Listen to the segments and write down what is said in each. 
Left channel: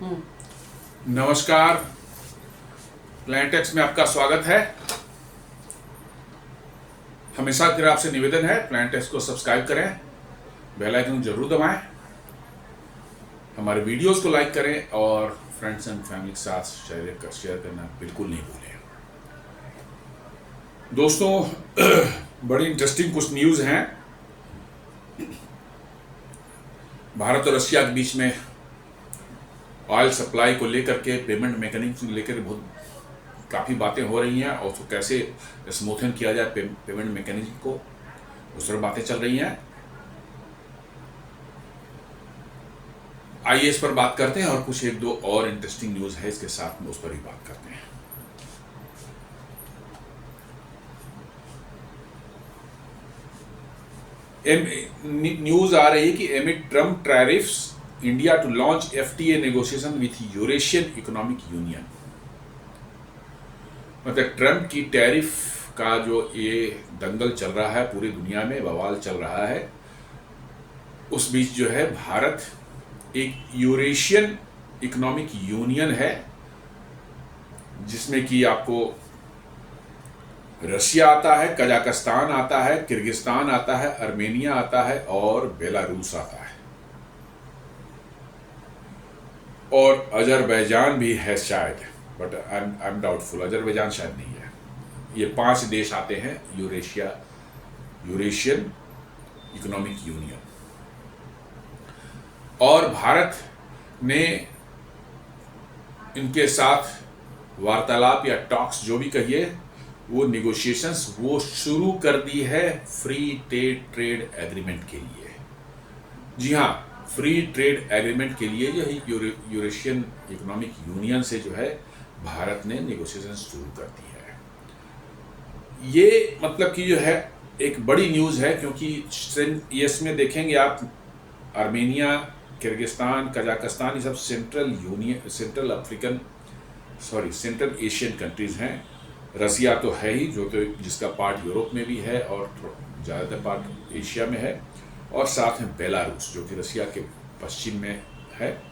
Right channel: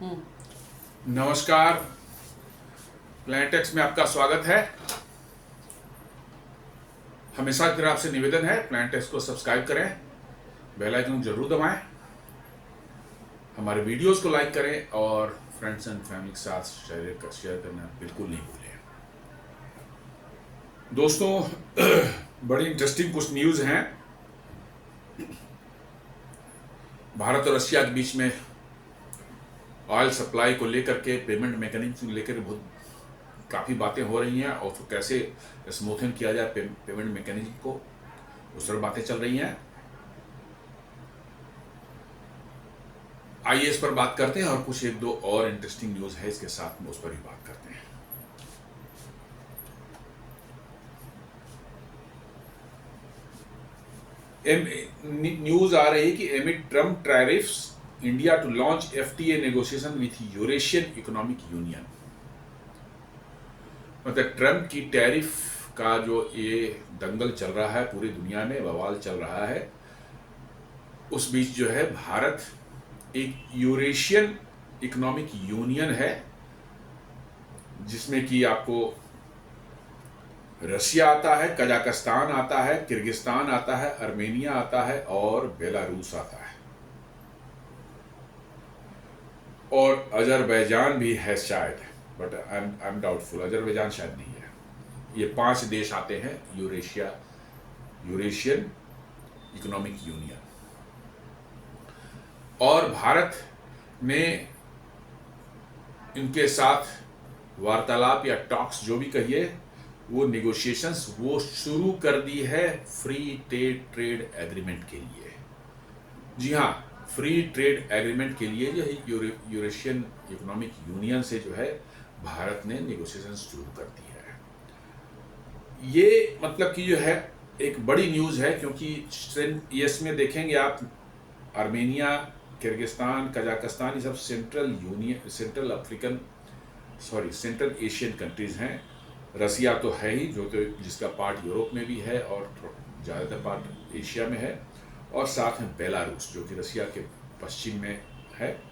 नमस्कार। प्लैनेटेक्स में आपका स्वागत है। हमेशा की आपसे निवेदन है, प्लैनेटेक्स को सब्सक्राइब करें, बेल आइकन जरूर दबाएं, हमारे वीडियोस को लाइक करें और फ्रेंड्स एंड फैमिली के साथ शेयर करना बिल्कुल नहीं भूलें। दोस्तों, बड़ी इंटरेस्टिंग कुछ न्यूज़ हैं। भारत और रशिया के बीच में ऑयल सप्लाई को लेकर के, पेमेंट मैकेनिज्म को लेकर बहुत काफ़ी बातें हो रही हैं और उसको कैसे स्मूथन किया जाए पेमेंट मैकेनिज्म को, उस तरह बातें चल रही हैं। आइए इस पर बात करते हैं और कुछ एक दो और इंटरेस्टिंग न्यूज़ है इसके साथ में, उस पर भी बात करते हैं। न्यूज़ आ रही है कि amid Trump tariffs India to launch FTA negotiation with Eurasian economic union. मतलब ट्रम्प की टैरिफ का जो ये दंगल चल रहा है, पूरी दुनिया में बवाल चल रहा है, उस बीच जो है भारत एक यूरेशियन इकोनॉमिक यूनियन है जिसमें कि आपको रशिया आता है, कजाकिस्तान आता है, किर्गिस्तान आता है, आर्मेनिया आता है और बेलारूस आता है और अजरबैजान भी है शायद, but I am doubtful, Azerbaijan शायद नहीं है। ये 5 देश आते हैं यूरेशियन इकोनॉमिक यूनियन। और भारत ने इनके साथ वार्तालाप या टॉक्स जो भी कहिए, वो निगोशिएशंस वो शुरू कर दी है फ्री ट्रेड एग्रीमेंट के लिए। जी हाँ, फ्री ट्रेड एग्रीमेंट के लिए जो है यूरेशियन इकोनॉमिक यूनियन से जो है भारत ने निगोशिएशन शुरू कर दी है। ये मतलब कि जो है एक बड़ी न्यूज़ है, क्योंकि इसमें देखेंगे आप, आर्मेनिया, किर्गिस्तान, कजाकिस्तान, ये सब सेंट्रल एशियन कंट्रीज हैं। रसिया तो है ही, जो तो जिसका पार्ट यूरोप में भी है और ज़्यादातर पार्ट एशिया में है, और साथ में बेलारूस जो कि रसिया के पश्चिम में है।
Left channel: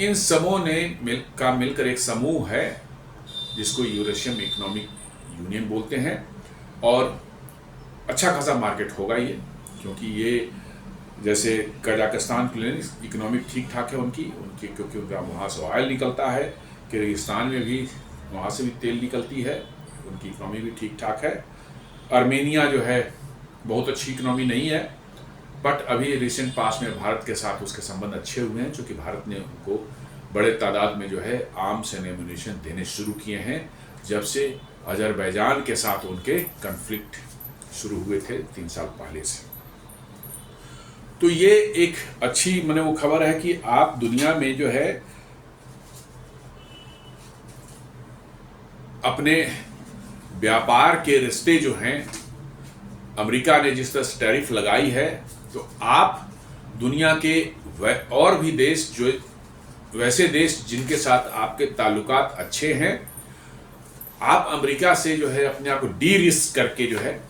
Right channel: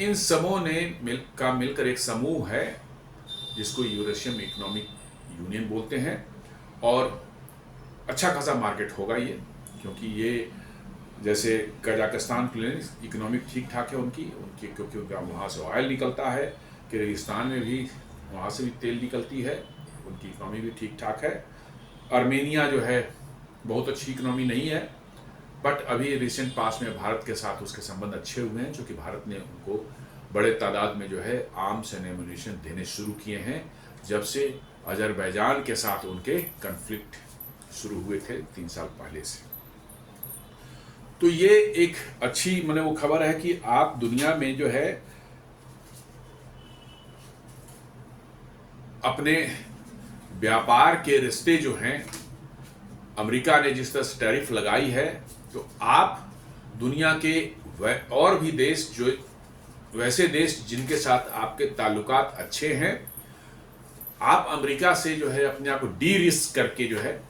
इन समूह ने मिलकर एक समूह है जिसको यूरेशियन इकोनॉमिक यूनियन बोलते हैं। और अच्छा खासा मार्केट होगा ये, क्योंकि ये जैसे कजाकिस्तान के लिए इकोनॉमिक ठीक ठाक है उनकी क्योंकि उनका वहाँ से ऑयल निकलता है, किर्गिस्तान में भी वहाँ से भी तेल निकलती है, उनकी इकोनॉमी भी ठीक ठाक है। आर्मेनिया जो है बहुत अच्छी इकोनॉमी नहीं है, बट अभी रिसेंट पास में भारत के साथ उसके संबंध अच्छे हुए हैं, क्योंकि भारत ने उनको बड़े तादाद में जो है आर्म्स एंड एम्यूनिशन देने शुरू किए हैं जब से अजरबैजान के साथ उनके कन्फ्लिक्ट शुरू हुए थे 3 साल पहले से। तो ये एक अच्छी वो खबर है कि आप दुनिया में जो है अपने व्यापार के रिश्ते जो हैं, अमेरिका ने जिस तरह से टैरिफ लगाई है, तो आप दुनिया के और भी देश, जो वैसे देश जिनके साथ आपके ताल्लुकात अच्छे हैं, आप अमेरिका से जो है अपने आप को डी रिस्क करके जो है,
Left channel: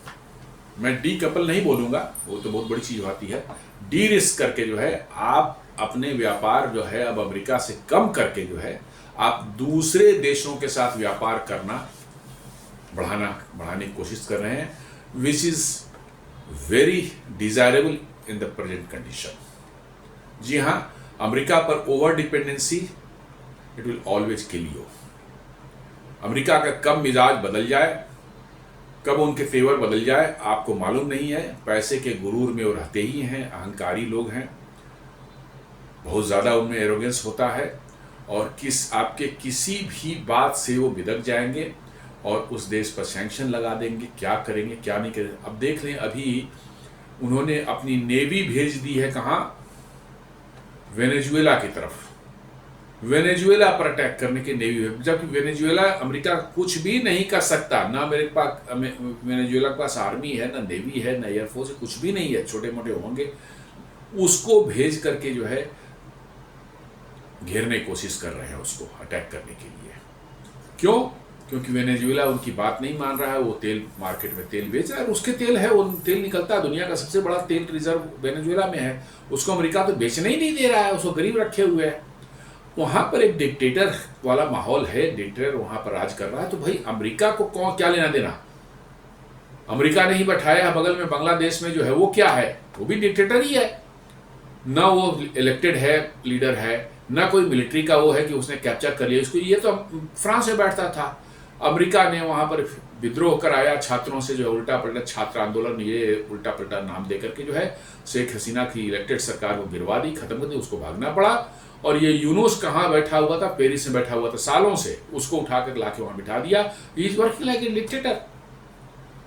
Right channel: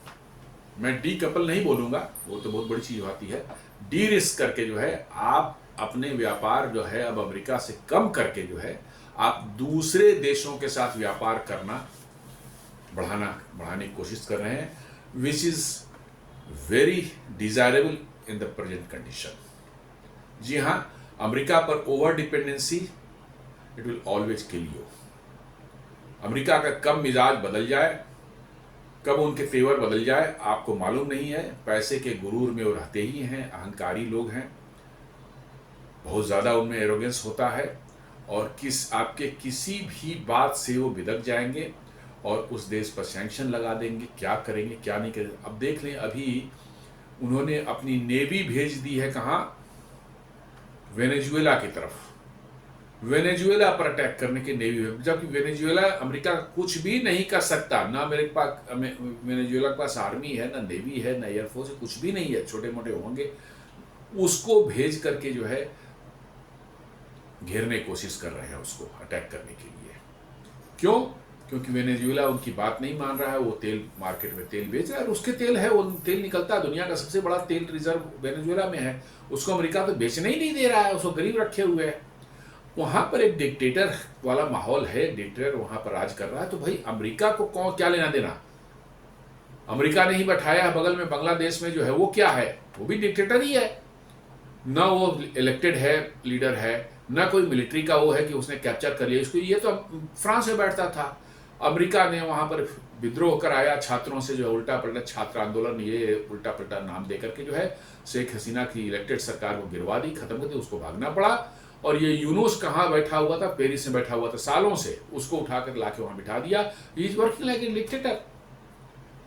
मैं डी कपल नहीं बोलूँगा, वो तो बहुत बड़ी चीज़ होती है, डी रिस्क करके जो है आप अपने व्यापार जो है अब अमेरिका से कम करके जो है आप दूसरे देशों के साथ व्यापार करना बढ़ाने की कोशिश कर रहे हैं, which is very desirable in the present condition. जी हाँ, अमेरिका पर over dependency it will always kill you. America का कब मिजाज बदल जाए, कब उनके फेवर बदल जाए, आपको मालूम नहीं है। पैसे के गुरूर में वो रहते ही हैं, अहंकारी लोग हैं, बहुत ज़्यादा उनमें एरोगेंस होता है और आपके किसी भी बात से वो बिदक जाएंगे और उस देश पर सैंक्शन लगा देंगे, क्या करेंगे क्या नहीं करेंगे। अब देख लें, अभी उन्होंने अपनी नेवी भेज दी है कहाँ, वेनेजुएला की तरफ, वेनेजुएला पर अटैक करने के नेवी, जबकि वेनेजुएला अमेरिका कुछ भी नहीं कर सकता, ना मेरे पास वेनेजुएला के पास आर्मी है, ना नेवी है, ना एयरफोर्स है, कुछ भी नहीं है, छोटे मोटे होंगे, उसको भेज करके जो है घेरने की कोशिश कर रहे हैं, उसको अटैक करने के लिए। क्यों? क्योंकि वेनेजुएला उनकी बात नहीं मान रहा है, वो तेल मार्केट में तेल बेच रहा है, उसके तेल है, वो तेल निकलता है, दुनिया का सबसे बड़ा तेल रिजर्व वेनेजुएला में है, उसको अमेरिका तो बेचने ही नहीं दे रहा है, उसको गरीब रखे हुए है। वहां पर एक डिक्टेटर वाला माहौल है, डिक्टेटर वहां पर राज कर रहा है, तो भाई अमेरिका को कौन क्या लेना देना? अमेरिका ने ही बैठाया बगल में बांग्लादेश में जो है, वो क्या है? वो भी डिक्टेटर ही है ना, वो इलेक्टेड है, लीडर है ना, कोई मिलिट्री का वो है कि उसने कैप्चर कर लिया इसको। ये तो फ्रांस में बैठता था, अमेरिका ने वहां पर विद्रोह कराया छात्रों से, जो उल्टा पलटा छात्र आंदोलन, ये उल्टा पलटा नाम देकर के जो है शेख हसीना की इलेक्टेड सरकार को गिरवा दी, खत्म कर दी, उसको भागना पड़ा। और ये यूनुस कहाँ बैठा हुआ था? पेरिस में बैठा हुआ था सालों से, उसको उठाकर लाके वहां बिठा दिया। Is working like a dictator,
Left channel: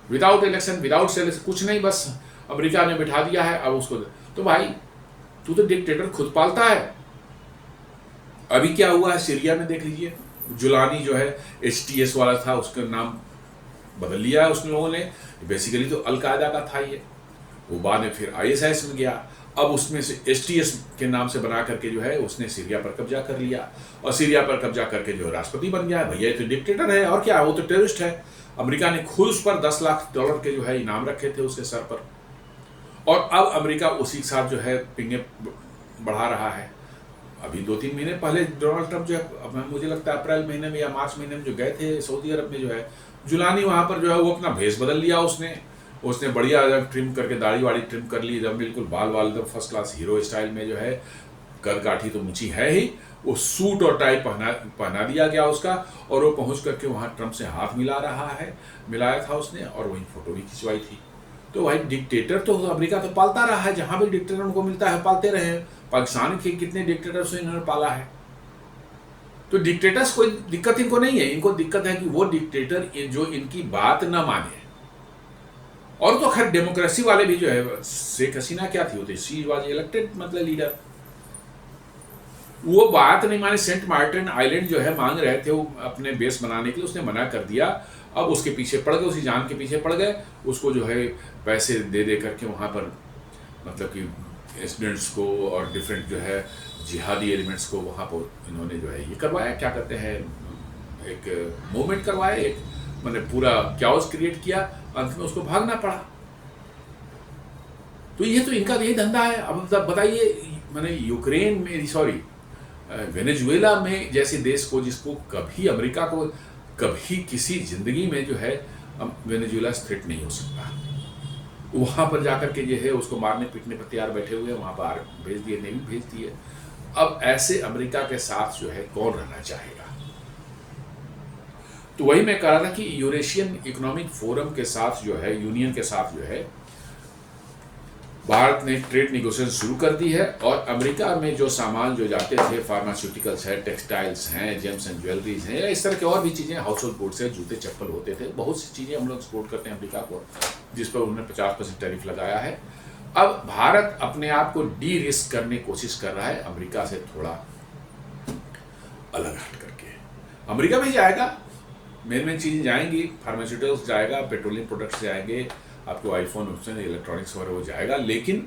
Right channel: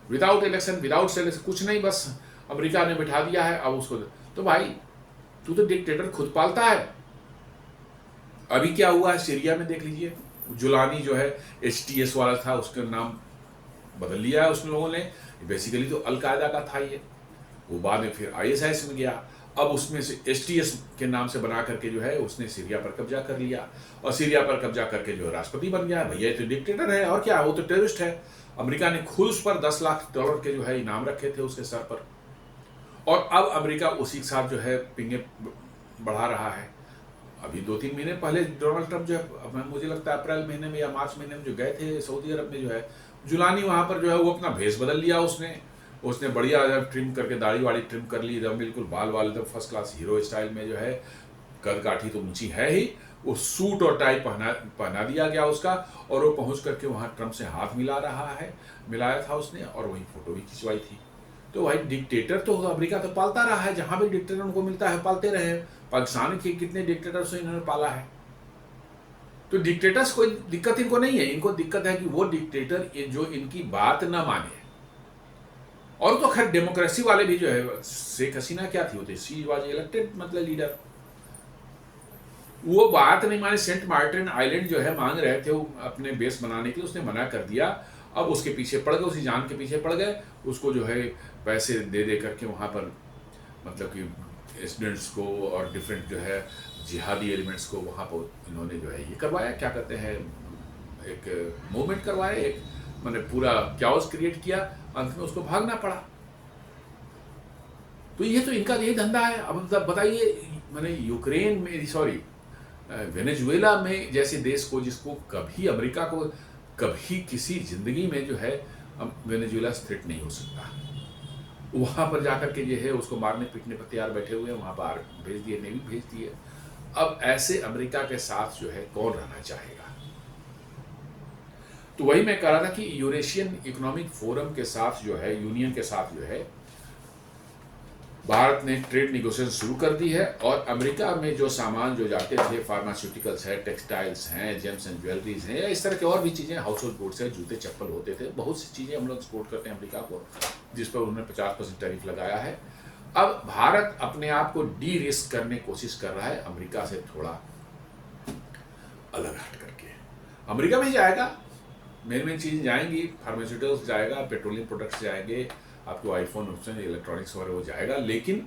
without election, without selection, कुछ नहीं, बस अमेरिका ने बिठा दिया है अब उसको। तो भाई तू तो डिक्टेटर खुद पालता है। अभी क्या हुआ है सीरिया में देख लीजिए, जुलानी जो है HTS वाला था, उसका नाम बदल लिया है उसने, लोगों ने। बेसिकली तो अलकायदा का था ये, वो बाद में फिर ISIS में गया, अब उसमें से HTS के नाम से बना करके जो है उसने सीरिया पर कब्जा कर लिया, और सीरिया पर कब्जा करके जो है राष्ट्रपति बन गया। भैया ये तो डिक्टेटर है, और क्या, वो तो टेररिस्ट है। अमेरिका ने खुद उस पर $10 लाख के जो है इनाम रखे थे उसके सर पर, और अब अमेरिका उसी के साथ जो है पिंगे बढ़ा रहा है। अभी 2-3 महीने पहले डोनाल्ड ट्रंप जो है, मुझे लगता है अप्रैल महीने में या मार्च महीने में जो गए थे सऊदी अरब में, जो है जुलानी वहां पर जो है वो अपना भेष बदल लिया उसने बढ़िया ट्रिम करके दाढ़ी वाड़ी ट्रिम कर ली, एकदम बिल्कुल बाल एकदम फर्स्ट क्लास हीरो स्टाइल में, जो है करगाठी तो ऊंची है ही, वो सूट और टाई पहना दिया गया उसका, और वो पहुंच करके वहां ट्रंप से हाथ मिलाया था उसने, और वही फोटो भी खिंचवाई थी। तो भाई डिक्टेटर तो अमेरिका तो पालता रहा है, जहां भी डिक्टेटर उनको मिलता है पालते रहे। पाकिस्तान के कितने डिक्टेटर से इन्होंने पाला है। तो डिक्टेटर्स कोई दिक्कत इनको नहीं है, इनको दिक्कत है कि वो डिक्टेटर जो इनकी बात ना माने। और तो खैर डेमोक्रेसी वाले भी जो है, शेख हसीना क्या थी, होती शी वाज इलेक्टेड मतलब लीडर, वो बात नहीं माने। सेंट मार्टिन आइलैंड जो है मांग रहे थे वो अपने बेस बनाने के लिए, उसने मना कर दिया। अब उसके पीछे पड़ गए, उसी जान के पीछे पड़ गए, उसको जो है पैसे दे करके वहां पर, मतलब कि स्टूडेंट्स को और डिफरेंट जो है जिहादी एलिमेंट्स को वहां पर इन्होंने जो है ये करवाया, क्या कहते हैं, एक मूवमेंट करवाया, एक मतलब पूरा क्याओस क्रिएट किया, अंत में उसको भागना पड़ा। तो ये तो इनका यही धंधा है। अब मतलब बताइए, मैंने यूक्रेन में, सॉरी वेनेजुएला में जैसे देश को, जिसको कभी अमेरिका को कभी किसी जिंदगी में जो है वेनेजुएला थ्रेट नहीं हो सकता, वहां पर जाकर के जो है उसको मारने पीटने पर तैयार बैठे हुए, वहां पर भेज दिए, नेवी भेज दिए। अब ऐसे अमेरिका के साथ जो है कौन रहना चाहेगा? तो वही मैं कह रहा था कि यूरेशियन इकोनॉमिक फोरम के साथ जो है, यूनियन के साथ जो है भारत ने ट्रेड निगोशिएशन शुरू कर दी है। और अमेरिका में जो सामान जो जाते थे, फार्मास्यूटिकल्स हैं, टेक्सटाइल्स हैं, जेम्स एंड ज्वेलरीज हैं, इस तरह की और भी चीज़ें, हाउस होल्ड गुड्स से जूते चप्पल होते थे, बहुत सी चीज़ें हम लोग एक्सपोर्ट करते हैं अमेरिका को, जिस पर उन्होंने 50% टैरिफ लगाया है। अब भारत अपने आप को डी रिस्क करने की कोशिश कर रहा है, अमेरिका से थोड़ा अलग हट करके। अमेरिका में जाएगा, मेन चीज़ जाएंगी, फार्मास्यूटिकल्स जाएगा, पेट्रोलियम प्रोडक्ट्स जाएंगे, आपको आईफोन इलेक्ट्रॉनिक्स वगैरह वो जाएगा। लेकिन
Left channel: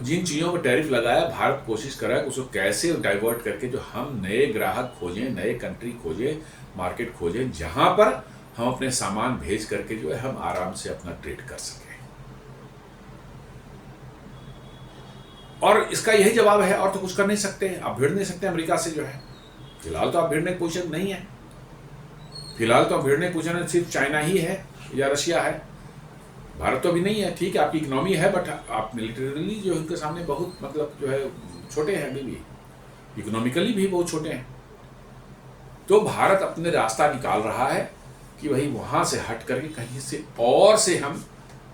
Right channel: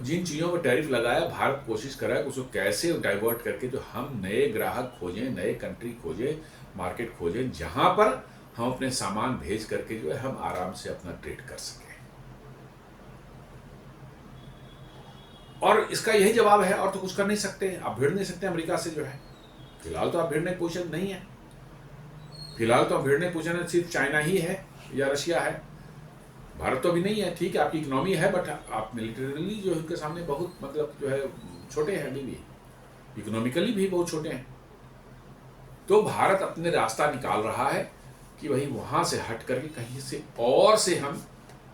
जिन चीज़ों पर टैरिफ लगाया, भारत कोशिश कर रहा है कि उसको कैसे डाइवर्ट करके जो हम नए ग्राहक खोजें, नए कंट्री खोजें, मार्केट खोजें, जहां पर हम अपने सामान भेज करके जो है हम आराम से अपना ट्रेड कर सकें। और इसका यही जवाब है, और तो कुछ कर नहीं सकते, आप भिड़ नहीं सकते अमेरिका से जो है। फिलहाल तो आप भिड़ने की पोजीशन नहीं है, फिलहाल तो आप भिड़ने की पोजीशन सिर्फ चाइना ही है या रशिया है, भारत तो अभी नहीं है। ठीक है, आपकी इकोनॉमी है, बट आप मिलिटरीली जो उनके सामने बहुत मतलब जो है छोटे हैं, अभी भी इकोनॉमिकली भी बहुत छोटे हैं। तो भारत अपने रास्ता निकाल रहा है कि वही वहां से हट करके कहीं से और से हम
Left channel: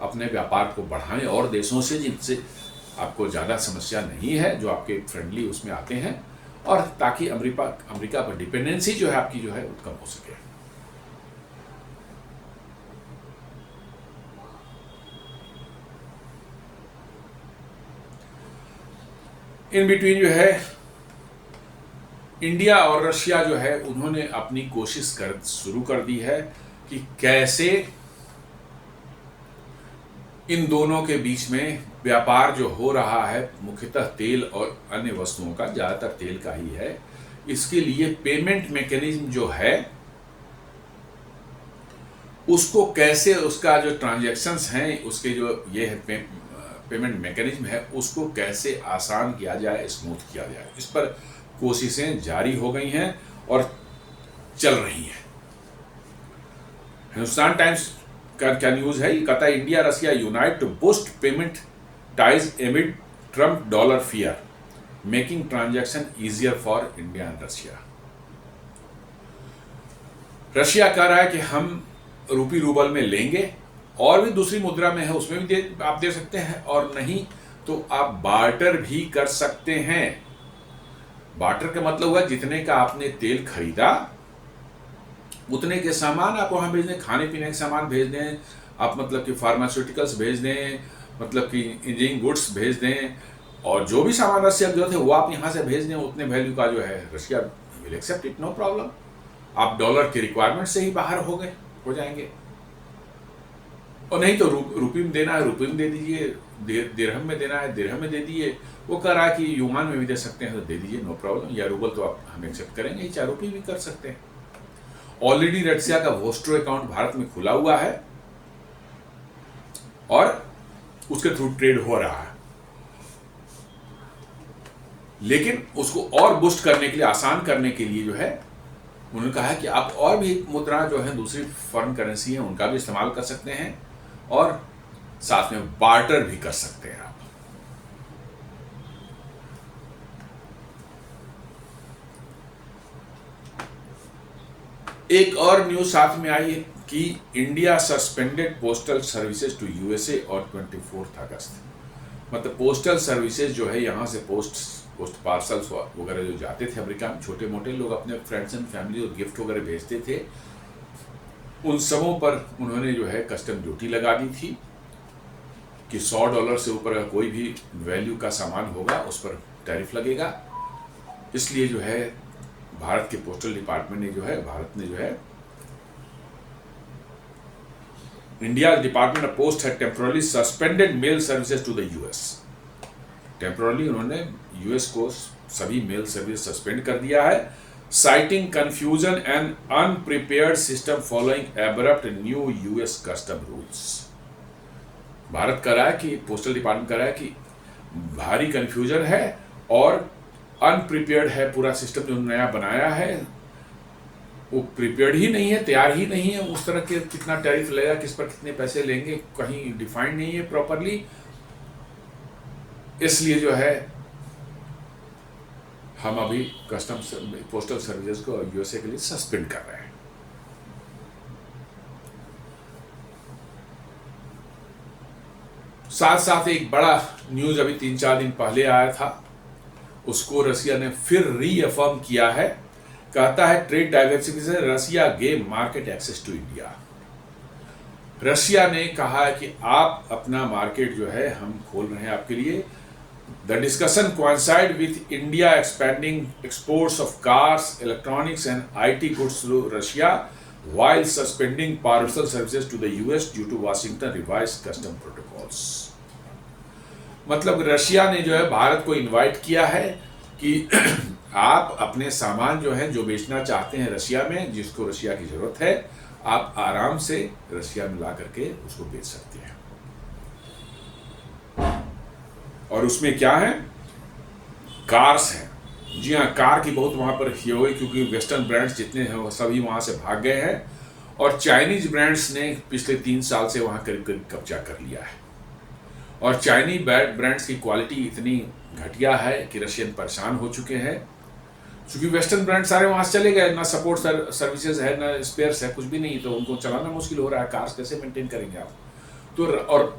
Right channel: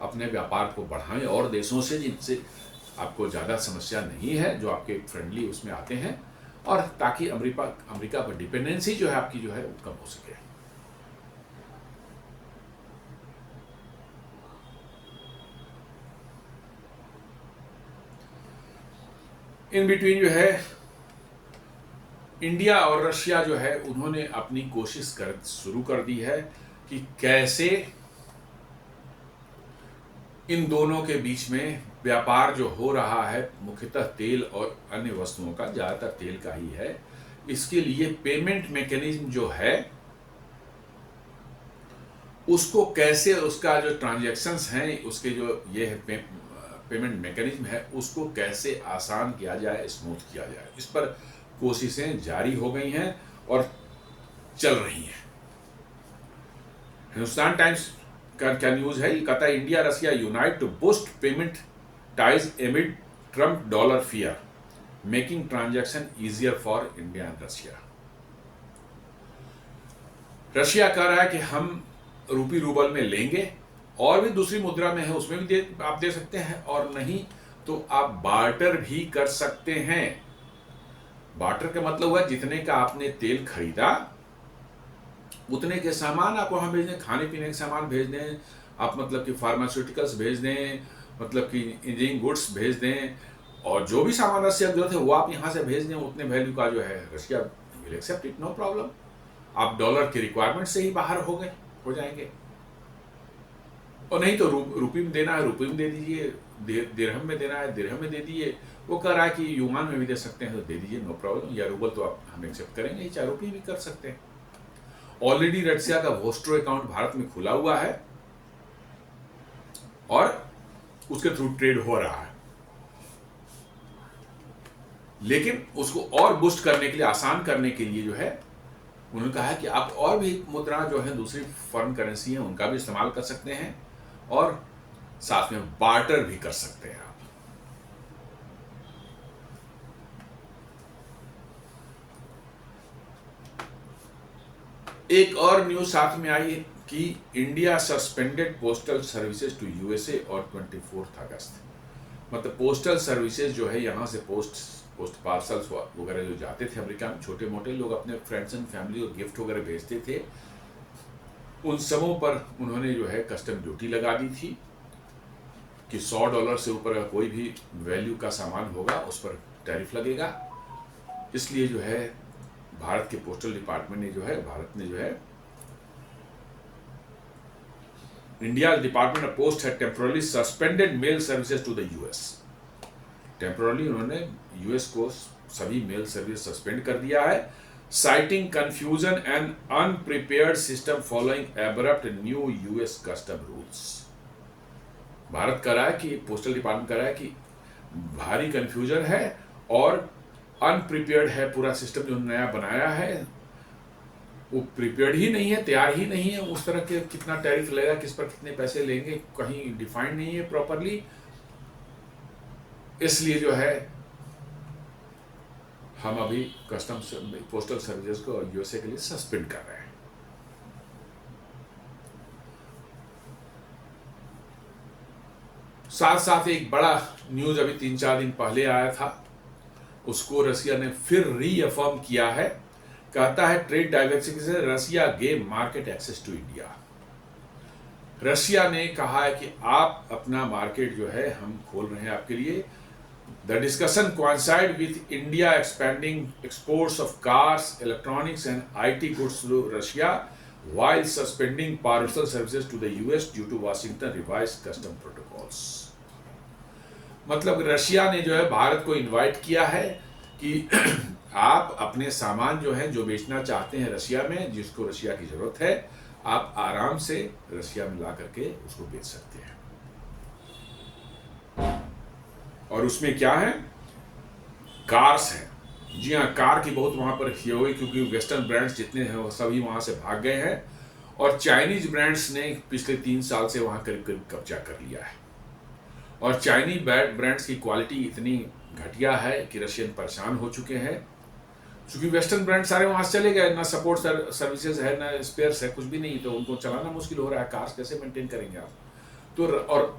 अपने व्यापार को बढ़ाएं, और देशों से जिनसे आपको ज़्यादा समस्या नहीं है, जो आपके फ्रेंडली उसमें आते हैं, और ताकि अमेरिका पर डिपेंडेंसी जो है आपकी जो है वो कम हो सके। इन बिटवीन जो है इंडिया और रशिया जो है उन्होंने अपनी कोशिश शुरू कर दी है कि कैसे इन दोनों के बीच में व्यापार जो हो रहा है, मुख्यतः तेल और अन्य वस्तुओं का, ज़्यादातर तेल का ही है, इसके लिए पेमेंट मैकेनिज्म जो है उसको कैसे, उसका जो ट्रांजैक्शंस हैं, उसके जो ये है पेमेंट मैकेनिज्म है, उसको कैसे आसान किया जाए, स्मूथ किया जाए। इस पर कोशिशें जारी हो गई हैं और चल रही हैं। हिंदुस्तान टाइम्स का क्या न्यूज है, ये कहता है India Russia unite to boost payment ties amid Trump dollar fear making transaction easier for India and Russia. Russia कह रहा है कि हम रूपी रूबल में लेंगे, और भी दूसरी मुद्रा में है उसमें भी आप दे सकते हैं, और नहीं तो आप बार्टर भी कर सकते हैं। बार्टर का मतलब हुआ जितने का आपने तेल खरीदा उतने के सामान आप वहां भेज दें, खाने पीने के सामान भेज दें, आप मतलब कि फार्मास्यूटिकल्स भेज दें, मतलब कि इंजीनियरिंग गुड्स भेज दें, और जो भी सामान रशिया की जरूरत है वो आप यहाँ से भेज दें, उतने वैल्यू का जो है Russia will accept it, no problem. आप डॉलर की रिक्वायरमेंट से ही बाहर हो जाएंगे। और नहीं तो रुपये में देना है रुपये में दे दीजिए, दिरहम में देना है दिरहम में दे दीजिए। वो कह रहा है कि युआन में भी दे सकते हैं तो दे दीजिए, नो प्रॉब्लम। या रूबल तो आप हम एक्सेप्ट करेंगे, 4 रुपये भी कर सकते हैं। ऑलरेडी रशिया का वोस्ट्रो अकाउंट भारत में खुला हुआ है और उसके थ्रू ट्रेड हो रहा है, लेकिन उसको और बूस्ट करने के लिए, आसान करने के लिए जो है उन्होंने कहा है कि आप और भी मुद्रा जो है दूसरी फॉरेन करेंसी है उनका भी इस्तेमाल कर सकते हैं और साथ में बार्टर भी कर सकते हैं आप। एक और न्यूज साथ में आई है कि India suspended postal services to USA और 24 अगस्त। मतलब पोस्टल सर्विसेज जो है यहाँ से पोस्ट पार्सल्स वगैरह जो जाते थे अमेरिका में, छोटे मोटे लोग अपने फ्रेंड्स एंड फैमिली और गिफ्ट वगैरह भेजते थे, उन सबों पर उन्होंने जो है कस्टम ड्यूटी लगा दी थी कि $100 से ऊपर अगर कोई भी वैल्यू का सामान होगा उस पर टैरिफ लगेगा। इसलिए जो है भारत के पोस्टल डिपार्टमेंट ने जो है, भारत ने जो है, इंडिया डिपार्टमेंट ऑफ पोस्ट है temporarily suspended mail services to the US. Temporarily उन्होंने यूएस को सभी मेल सर्विस सस्पेंड कर दिया है, citing confusion and unprepared system following abrupt new US custom rules. Bharat कह रहा है कि पोस्टल डिपार्टमेंट कह रहा है कि भारी कंफ्यूजन है और अनप्रिपेयर्ड है, पूरा सिस्टम जो नया बनाया है वो प्रिपेयर्ड ही नहीं है, तैयार ही नहीं है। उस तरह के कितना टैरिफ लगेगा, किस पर कितने पैसे लेंगे, कहीं डिफाइंड नहीं है प्रॉपरली। इसलिए जो है हम अभी कस्टम्स पोस्टल सर्विसेज को यूएसए के लिए सस्पेंड कर रहे हैं। साथ साथ एक बड़ा न्यूज अभी 3-4 दिन पहले आया था, उसको रसिया ने फिर रीअफर्म किया है। कहता है trade diversification Russia gain market access to India. Russia ने कहा है कि आप अपना मार्केट जो है हम खोल रहे हैं आपके लिए। The discussion coincide with India expanding exports of cars, electronics and IT goods to Russia while suspending parcel services to the US due to Washington revised custom protocols। मतलब रशिया ने जो है भारत को इनवाइट किया है कि आप अपने सामान जो है जो बेचना चाहते हैं रशिया में, जिसको रशिया की जरूरत है, आप आराम से रशिया में ला करके उसको बेच सकते हैं। और उसमें क्या है, कार्स हैं। जी हाँ, कार की बहुत वहाँ पर ये हुई क्योंकि वेस्टर्न ब्रांड्स जितने हैं वो सभी वहाँ से भाग गए हैं और चाइनीज ब्रांड्स ने पिछले 3 साल से वहाँ करीब करीब कब्जा कर लिया है। और चाइनीज ब्रांड्स की क्वालिटी इतनी घटिया है कि रशियन परेशान हो चुके हैं, क्योंकि वेस्टर्न ब्रांड सारे वहाँ से चले गए, ना सपोर्ट सर्विसेज है, ना स्पेयर्स है, कुछ भी नहीं, तो उनको चलाना मुश्किल हो रहा है। कार्स कैसे मेंटेन करेंगे आप? तो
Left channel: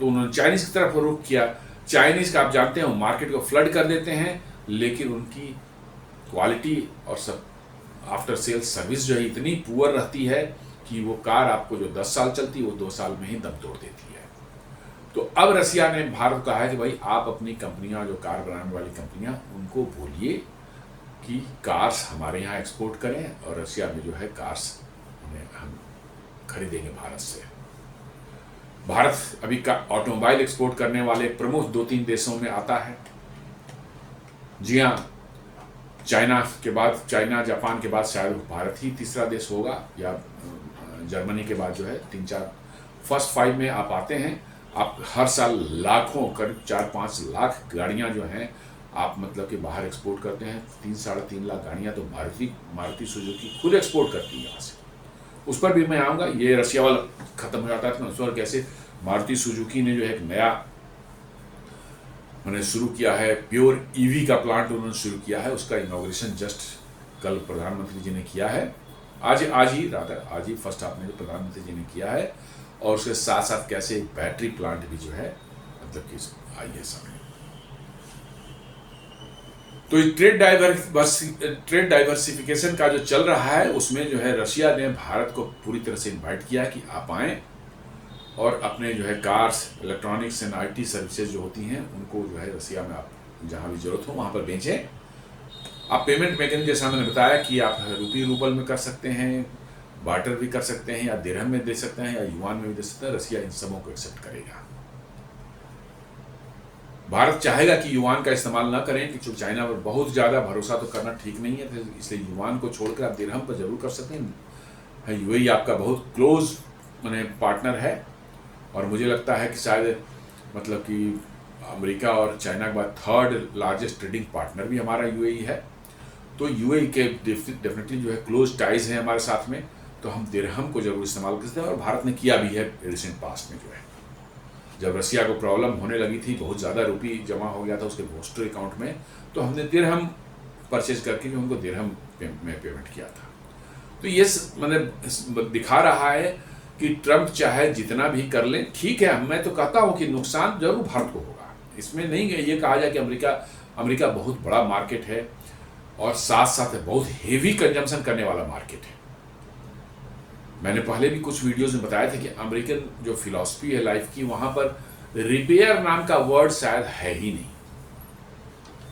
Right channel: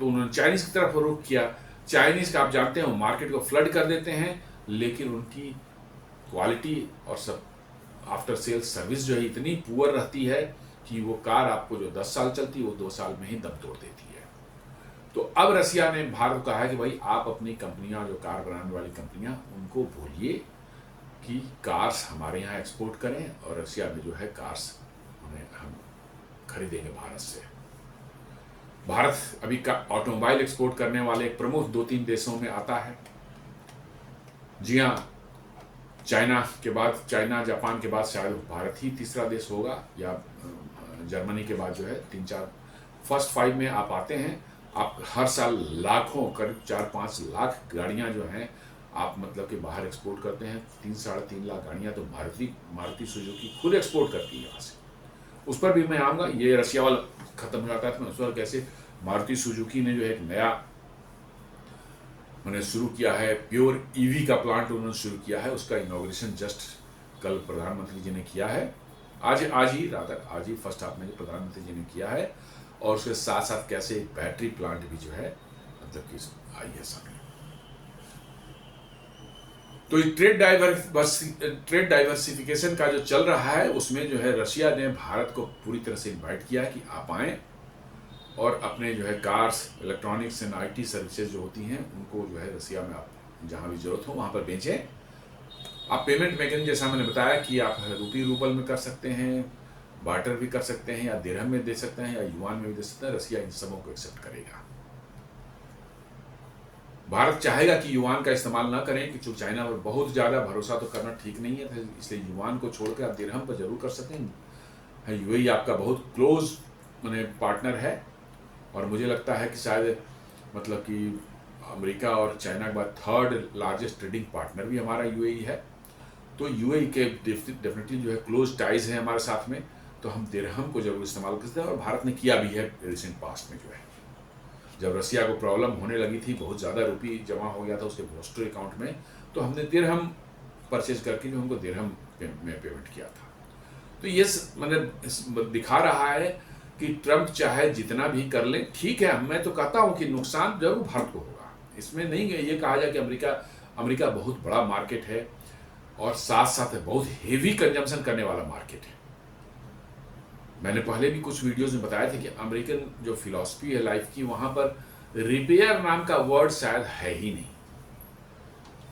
उन्होंने चाइनीज की तरफ रुख किया। चाइनीज का आप जानते हैं मार्केट को फ्लड कर देते हैं, लेकिन उनकी क्वालिटी और सब आफ्टर सेल सर्विस जो है इतनी पुअर रहती है कि वो कार आपको जो 10 साल चलती है वो 2 साल में ही दम तोड़ देती है। तो अब रशिया ने भारत को कहा है कि भाई आप अपनी कंपनियां, जो कार बनाने वाली कंपनियां, उनको बोलिए कि कार्स हमारे यहाँ एक्सपोर्ट करें और रशिया में जो है कार्स हम खरीदेंगे भारत से। भारत अभी का ऑटोमोबाइल एक्सपोर्ट करने वाले प्रमुख 2-3 देशों में आता है। जी हाँ, चाइना के बाद, चाइना जापान के बाद शायद भारत ही तीसरा देश होगा, या जर्मनी के बाद जो है 3-4 फर्स्ट 5 में आप आते हैं। आप हर साल लाखों, करीब 4-5 लाख गाड़ियाँ जो हैं आप मतलब कि बाहर एक्सपोर्ट करते हैं 3-3.5 लाख गाड़ियाँ तो मारुति सुजुकी खुद एक्सपोर्ट करती है यहाँ से। उस पर भी मैं आऊँगा। ये रशिया वाला ख़त्म हो जाता है तो मैं उस पर कैसे मारुति सुजुकी ने जो एक नया मैंने शुरू किया है, प्योर ईवी का प्लांट उन्होंने शुरू किया है, उसका इनॉग्रेशन जस्ट कल प्रधानमंत्री जी ने किया है। आज ही फर्स्ट हाफ में प्रधानमंत्री जी ने किया है। और उसके साथ साथ कैसे बैटरी प्लांट भी जो है मतलब कि आई है सामने। तो ट्रेड डाइवर्सिफिकेशन का जो चल रहा है उसमें जो है रशिया ने भारत को पूरी तरह से इनवाइट किया कि आप आएँ और अपने जो है cars, electronics and IT services जो होती हैं उनको जो है रशिया में आप जहाँ भी जरूरत हो वहाँ पर बेचें। आप पेमेंट मैकेनिज्म जैसा मैंने बताया कि आप रूबल में कर सकते हैं, बार्टर भी कर सकते हैं, या दिरहम में दे सकते हैं, या युआन में भी दे सकते हैं। रशिया इन सबों को एक्सेप्ट करेगा। भारत चाहेगा कि युआन का इस्तेमाल ना करें कि चूँकि चाइना पर बहुत ज़्यादा भरोसा तो करना ठीक नहीं है, तो इसलिए युआन को छोड़कर आप दिरहम पर जरूर कर सकते हैं। UAE आपका बहुत क्लोज मैंने पार्टनर है और मुझे लगता है कि शायद मतलब कि अमेरिका और चाइना के बाद थर्ड लार्जेस्ट ट्रेडिंग पार्टनर भी हमारा UAE है। तो UAE के डेफिनेटली जो है क्लोज टाइज हैं हमारे साथ में, तो हम दिरहम को जरूर इस्तेमाल करते हैं। और भारत ने किया भी है रिसेंट पास्ट में। जो है जब रशिया को प्रॉब्लम होने लगी थी, बहुत ज़्यादा रुपये जमा हो गया था उसके पोस्टल अकाउंट में, तो हमने दिरहम परचेज करके जो उनको दिरहम में पेमेंट किया था। तो ये मतलब दिखा रहा है कि ट्रंप चाहे जितना भी कर ले, ठीक है, मैं तो कहता हूं कि नुकसान जरूर भारत को होगा। इसमें नहीं ये कहा जाए कि अमेरिका बहुत बड़ा मार्केट है और साथ साथ बहुत हेवी कंजम्पशन करने वाला मार्केट है। मैंने पहले भी कुछ वीडियोस में बताया था कि अमेरिकन जो फिलॉसफी है लाइफ की, वहां पर रिपेयर नाम का वर्ड शायद है ही नहीं।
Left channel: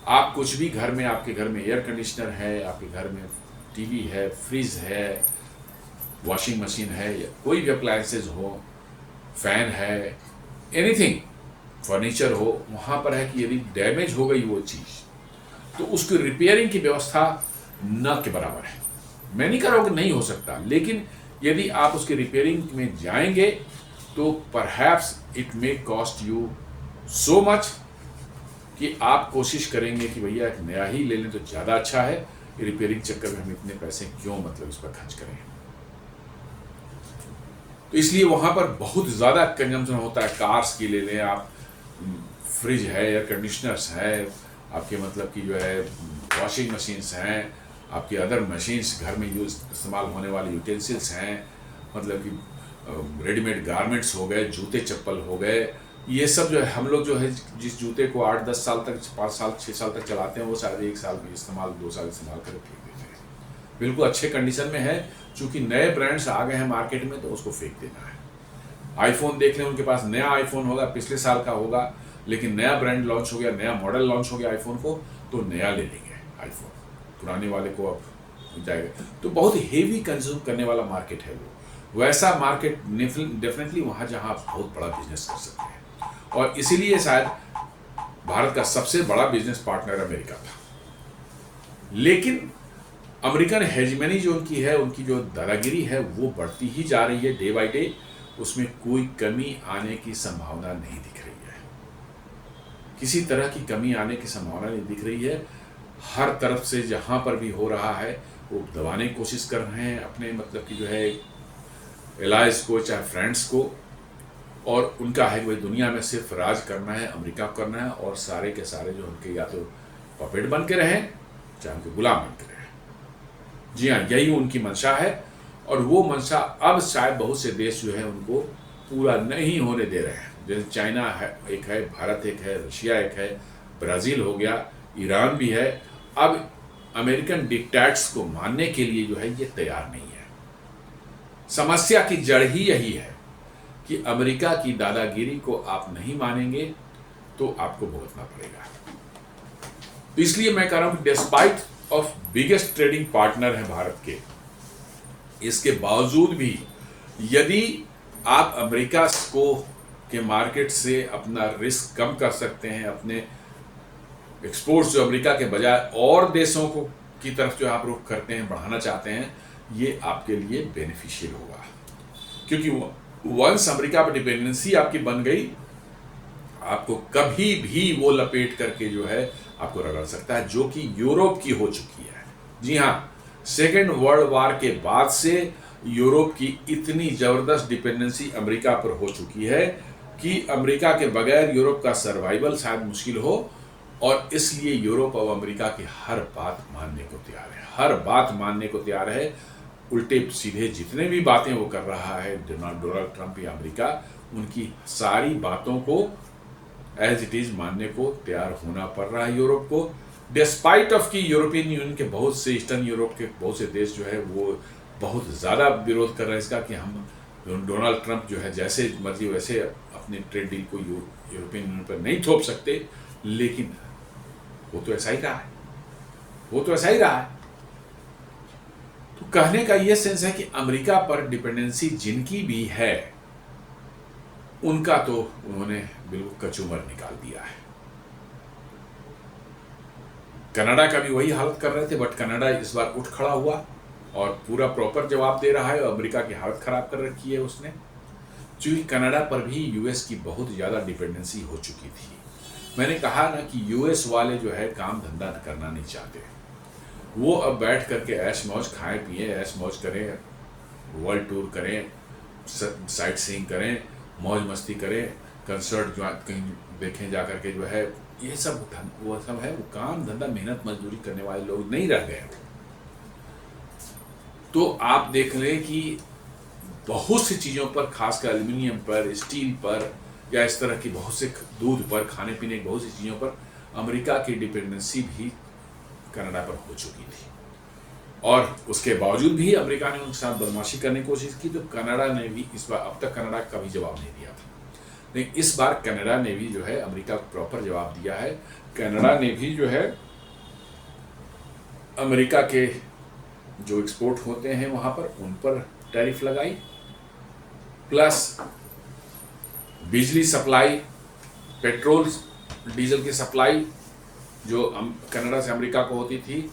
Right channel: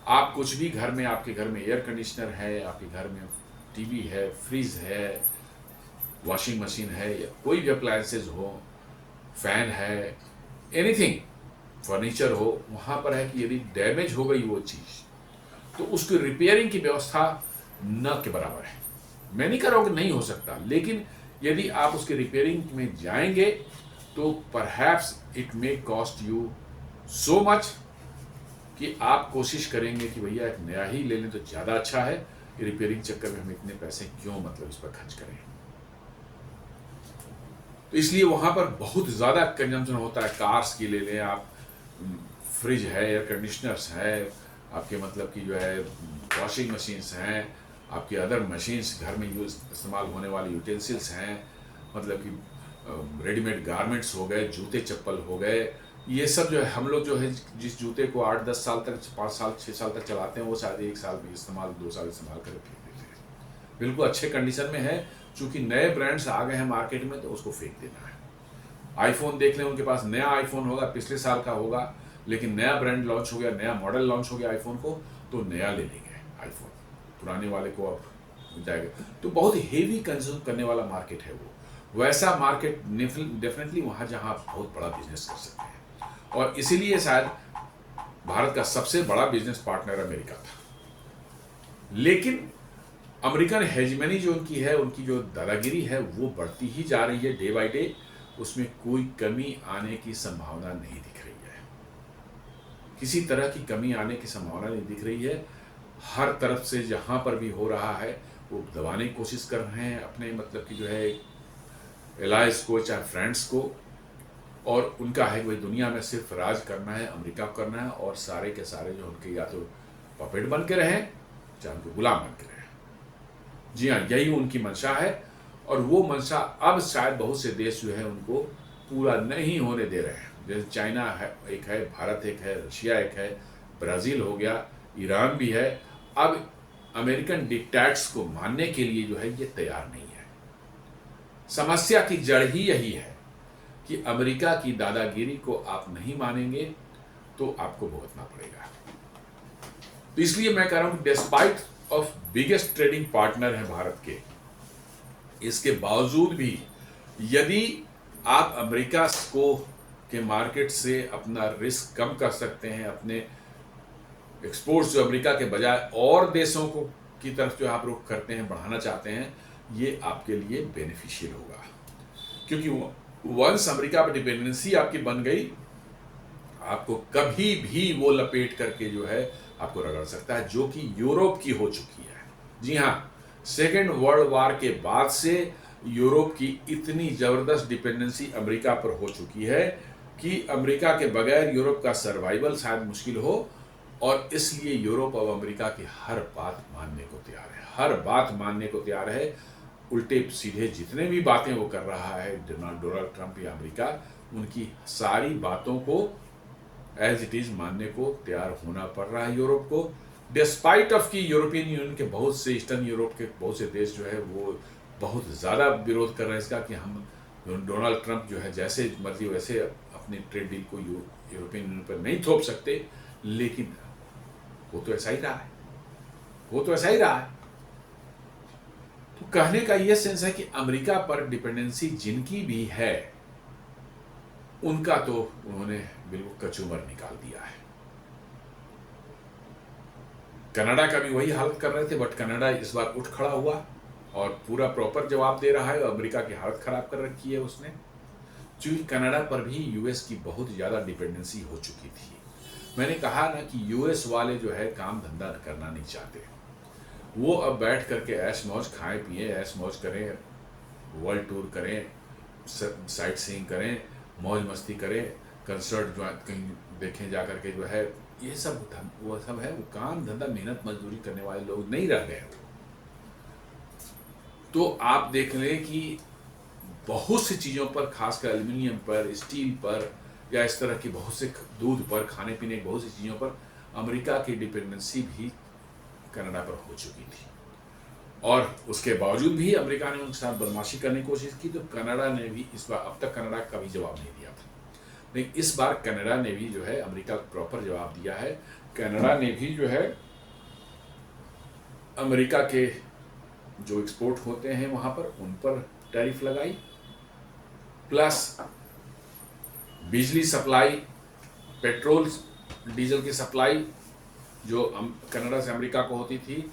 आप कुछ भी घर में, आपके घर में एयर कंडीशनर है, आपके घर में टीवी है, फ्रिज है, वॉशिंग मशीन है, या कोई भी अप्लायंसेज हो, फैन है, एनीथिंग, फर्नीचर हो, वहाँ पर है कि यदि डैमेज हो गई वो चीज़ तो उसकी रिपेयरिंग की व्यवस्था न के बराबर है। मैं नहीं कह रहा हूँ कि नहीं हो सकता, लेकिन यदि आप उसकी रिपेयरिंग में जाएंगे तो perhaps it may cost you so much कि आप कोशिश करेंगे कि भैया एक नया ही ले लें तो ज़्यादा अच्छा है। रिपेयरिंग चक्कर में हम इतने पैसे क्यों मतलब इस पर खर्च करें। तो इसलिए वहाँ पर बहुत ज़्यादा कंजम्पशन होता है। कार्स की ले लें आप, फ्रिज है, एयर कंडीशनर्स है, आपके मतलब कि जो है वॉशिंग मशीन्स हैं, आपकी अदर मशीन्स, घर में इस्तेमाल होने वाले यूटेंसिल्स हैं, मतलब कि रेडीमेड गारमेंट्स हो गए, जूते चप्पल हो गए, ये सब जो है हम लोग जो है जिस जूते को 8-10 साल तक, 5 साल 6 साल तक चलाते हैं वो शायद 1 साल में इस्तेमाल, 2 साल इस्तेमाल करके फेंक देते हैं। बिल्कुल अच्छे कंडीशन में है, चूँकि नए ब्रांड्स आ गए हैं मार्केट में तो उसको फेंक देना है। आईफोन देख लें, उनके पास नया आईफोन होगा, पिछले साल का होगा, लेकिन नया ब्रांड लॉन्च हो गया, नया मॉडल लॉन्च हो गया आईफोन को, तो नया ले लेंगे आईफोन, पुराने वाले को अब जाएगा। तो बहुत हेवी कंज्यूम करने वाला मार्केट है वो। वैसा मार्केट डेफिनेटली वहाँ जहाँ आप बहुत बड़ा बिजनेस कर सकते हैं। और इसीलिए शायद भारत का सबसे बड़ा बिजनेस पार्टनर अमेरिका था। लेकिन अमेरिकन हेजमनी जो उनकी है, उनकी जो दादागिरी है वो बढ़ती ही जा रही है डे बाय डे। उसमें कोई कमी आने की संभावना नहीं दिख रही है, किसी तरह की कमी आने की संभावना नहीं दिख रही है। हर तरफ से जहाँ पर भी हो रहा है वो दबाने की कोशिश कर रहे हैं अपने मतलब कि जो है एलाइज को, चाहे फ्रेंड्स को, और उनका है कि भाई दुनिया में सिर्फ राज करना है, अमेरिका को करना है, और सारे के सारे जो उनके या तो पपेट बन के रहें चाहे उनके गुलाम बन के रहें। जी हाँ, यही उनकी मंशा है। और वो मंशा अब शायद बहुत से देश जो है उनको पूरा नहीं होने दे रहे हैं। जैसे चाइना है, एक है, भारत एक है, रशिया एक है, ब्राज़ील हो गया, ईरान भी है। अब अमेरिकन डिक्टेट्स को मानने के लिए जो है ये तैयार नहीं है। समस्या की जड़ ही यही है कि अमेरिका की दादागिरी को आप नहीं मानेंगे तो आपको भुगतना पड़ेगा। इसलिए मैं कह रहा हूं, despite of biggest trading partner है भारत के, इसके बावजूद भी यदि आप अमेरिका को के मार्केट से अपना रिस्क कम कर सकते हैं, अपने एक्सपोर्ट्स जो अमेरिका के बजाय और देशों को की तरफ जो आप रुख करते हैं, बढ़ाना चाहते हैं, ये आपके लिए बेनिफिशियल होगा। क्योंकि वंस अमेरिका पर डिपेंडेंसी आपकी बन गई, आपको कभी भी वो लपेट करके जो है आपको रगड़ सकता है, जो कि यूरोप की हो चुकी है। जी हाँ, सेकेंड वर्ल्ड वार के बाद से यूरोप की इतनी जबरदस्त डिपेंडेंसी अमेरिका पर हो चुकी है कि अमेरिका के बगैर यूरोप का सर्वाइवल शायद मुश्किल हो, और इसलिए यूरोप अब अमेरिका की हर बात मानने को तैयार है, हर बात मानने को तैयार है। उल्टे सीधे जितने भी बातें वो कर रहा है डोनाल्ड ट्रंप या अमेरिका, उनकी सारी बातों को एज इट इज मानने को तैयार होना पड़ रहा है यूरोप को, डिस्पाइट ऑफ कि यूरोपियन यूनियन के बहुत से, ईस्टर्न यूरोप के बहुत से देश जो है वो बहुत ज़्यादा विरोध कर रहे हैं इसका कि हम डोनाल्ड ट्रंप जो है जैसे मर्जी वैसे अपनी ट्रेड डील को यूरोपियन यूनियन पर नहीं थोप सकते। लेकिन वो तो ऐसा ही रहा है, वो तो ऐसा ही रहा है। तो कहने का ये सेंस है कि अमेरिका पर डिपेंडेंसी जिनकी भी है उनका तो उन्होंने बिल्कुल कचूमर निकाल दिया है। कनाडा का भी वही हालत कर रहे थे, बट कनाडा इस बार उठ खड़ा हुआ और पूरा प्रॉपर जवाब दे रहा है, और अमेरिका की हालत खराब कर रखी है उसने। क्योंकि कनाडा पर भी यूएस की बहुत ज़्यादा डिपेंडेंसी हो चुकी थी। मैंने कहा ना कि यूएस वाले जो है काम धंधा करना नहीं चाहते, वो अब बैठ करके ऐश मौज खाएं पिए, ऐश मौज करें, वर्ल्ड टूर करें, साइट सीइंग करें, मौज मस्ती करें, कंसर्ट जो कहीं देखें जा करके जो है, ये सब वो सब है। वो काम धंधा मेहनत मजदूरी करने वाले लोग नहीं रह गए। तो आप देख लें कि बहुत सी चीज़ों पर, खासकर एल्यूमिनियम पर, स्टील पर, या इस तरह की बहुत से दूध पर, खाने पीने की बहुत सी चीज़ों पर अमेरिका की डिपेंडेंसी भी कनाडा पर हो चुकी थी। और उसके बावजूद भी अमेरिका ने उनके साथ बदमाशी करने की कोशिश की, तो कनाडा ने भी इस बार, अब तक कनाडा का भी जवाब नहीं दिया था, लेकिन इस बार कनाडा ने भी जो है अमेरिका को प्रॉपर जवाब दिया है। कनाडा ने भी जो है अमेरिका के जो एक्सपोर्ट होते हैं वहाँ पर, उन पर टैरिफ लगाई, प्लस बिजली सप्लाई, पेट्रोल डीजल की सप्लाई जो कनाडा से अमेरिका को होती थी,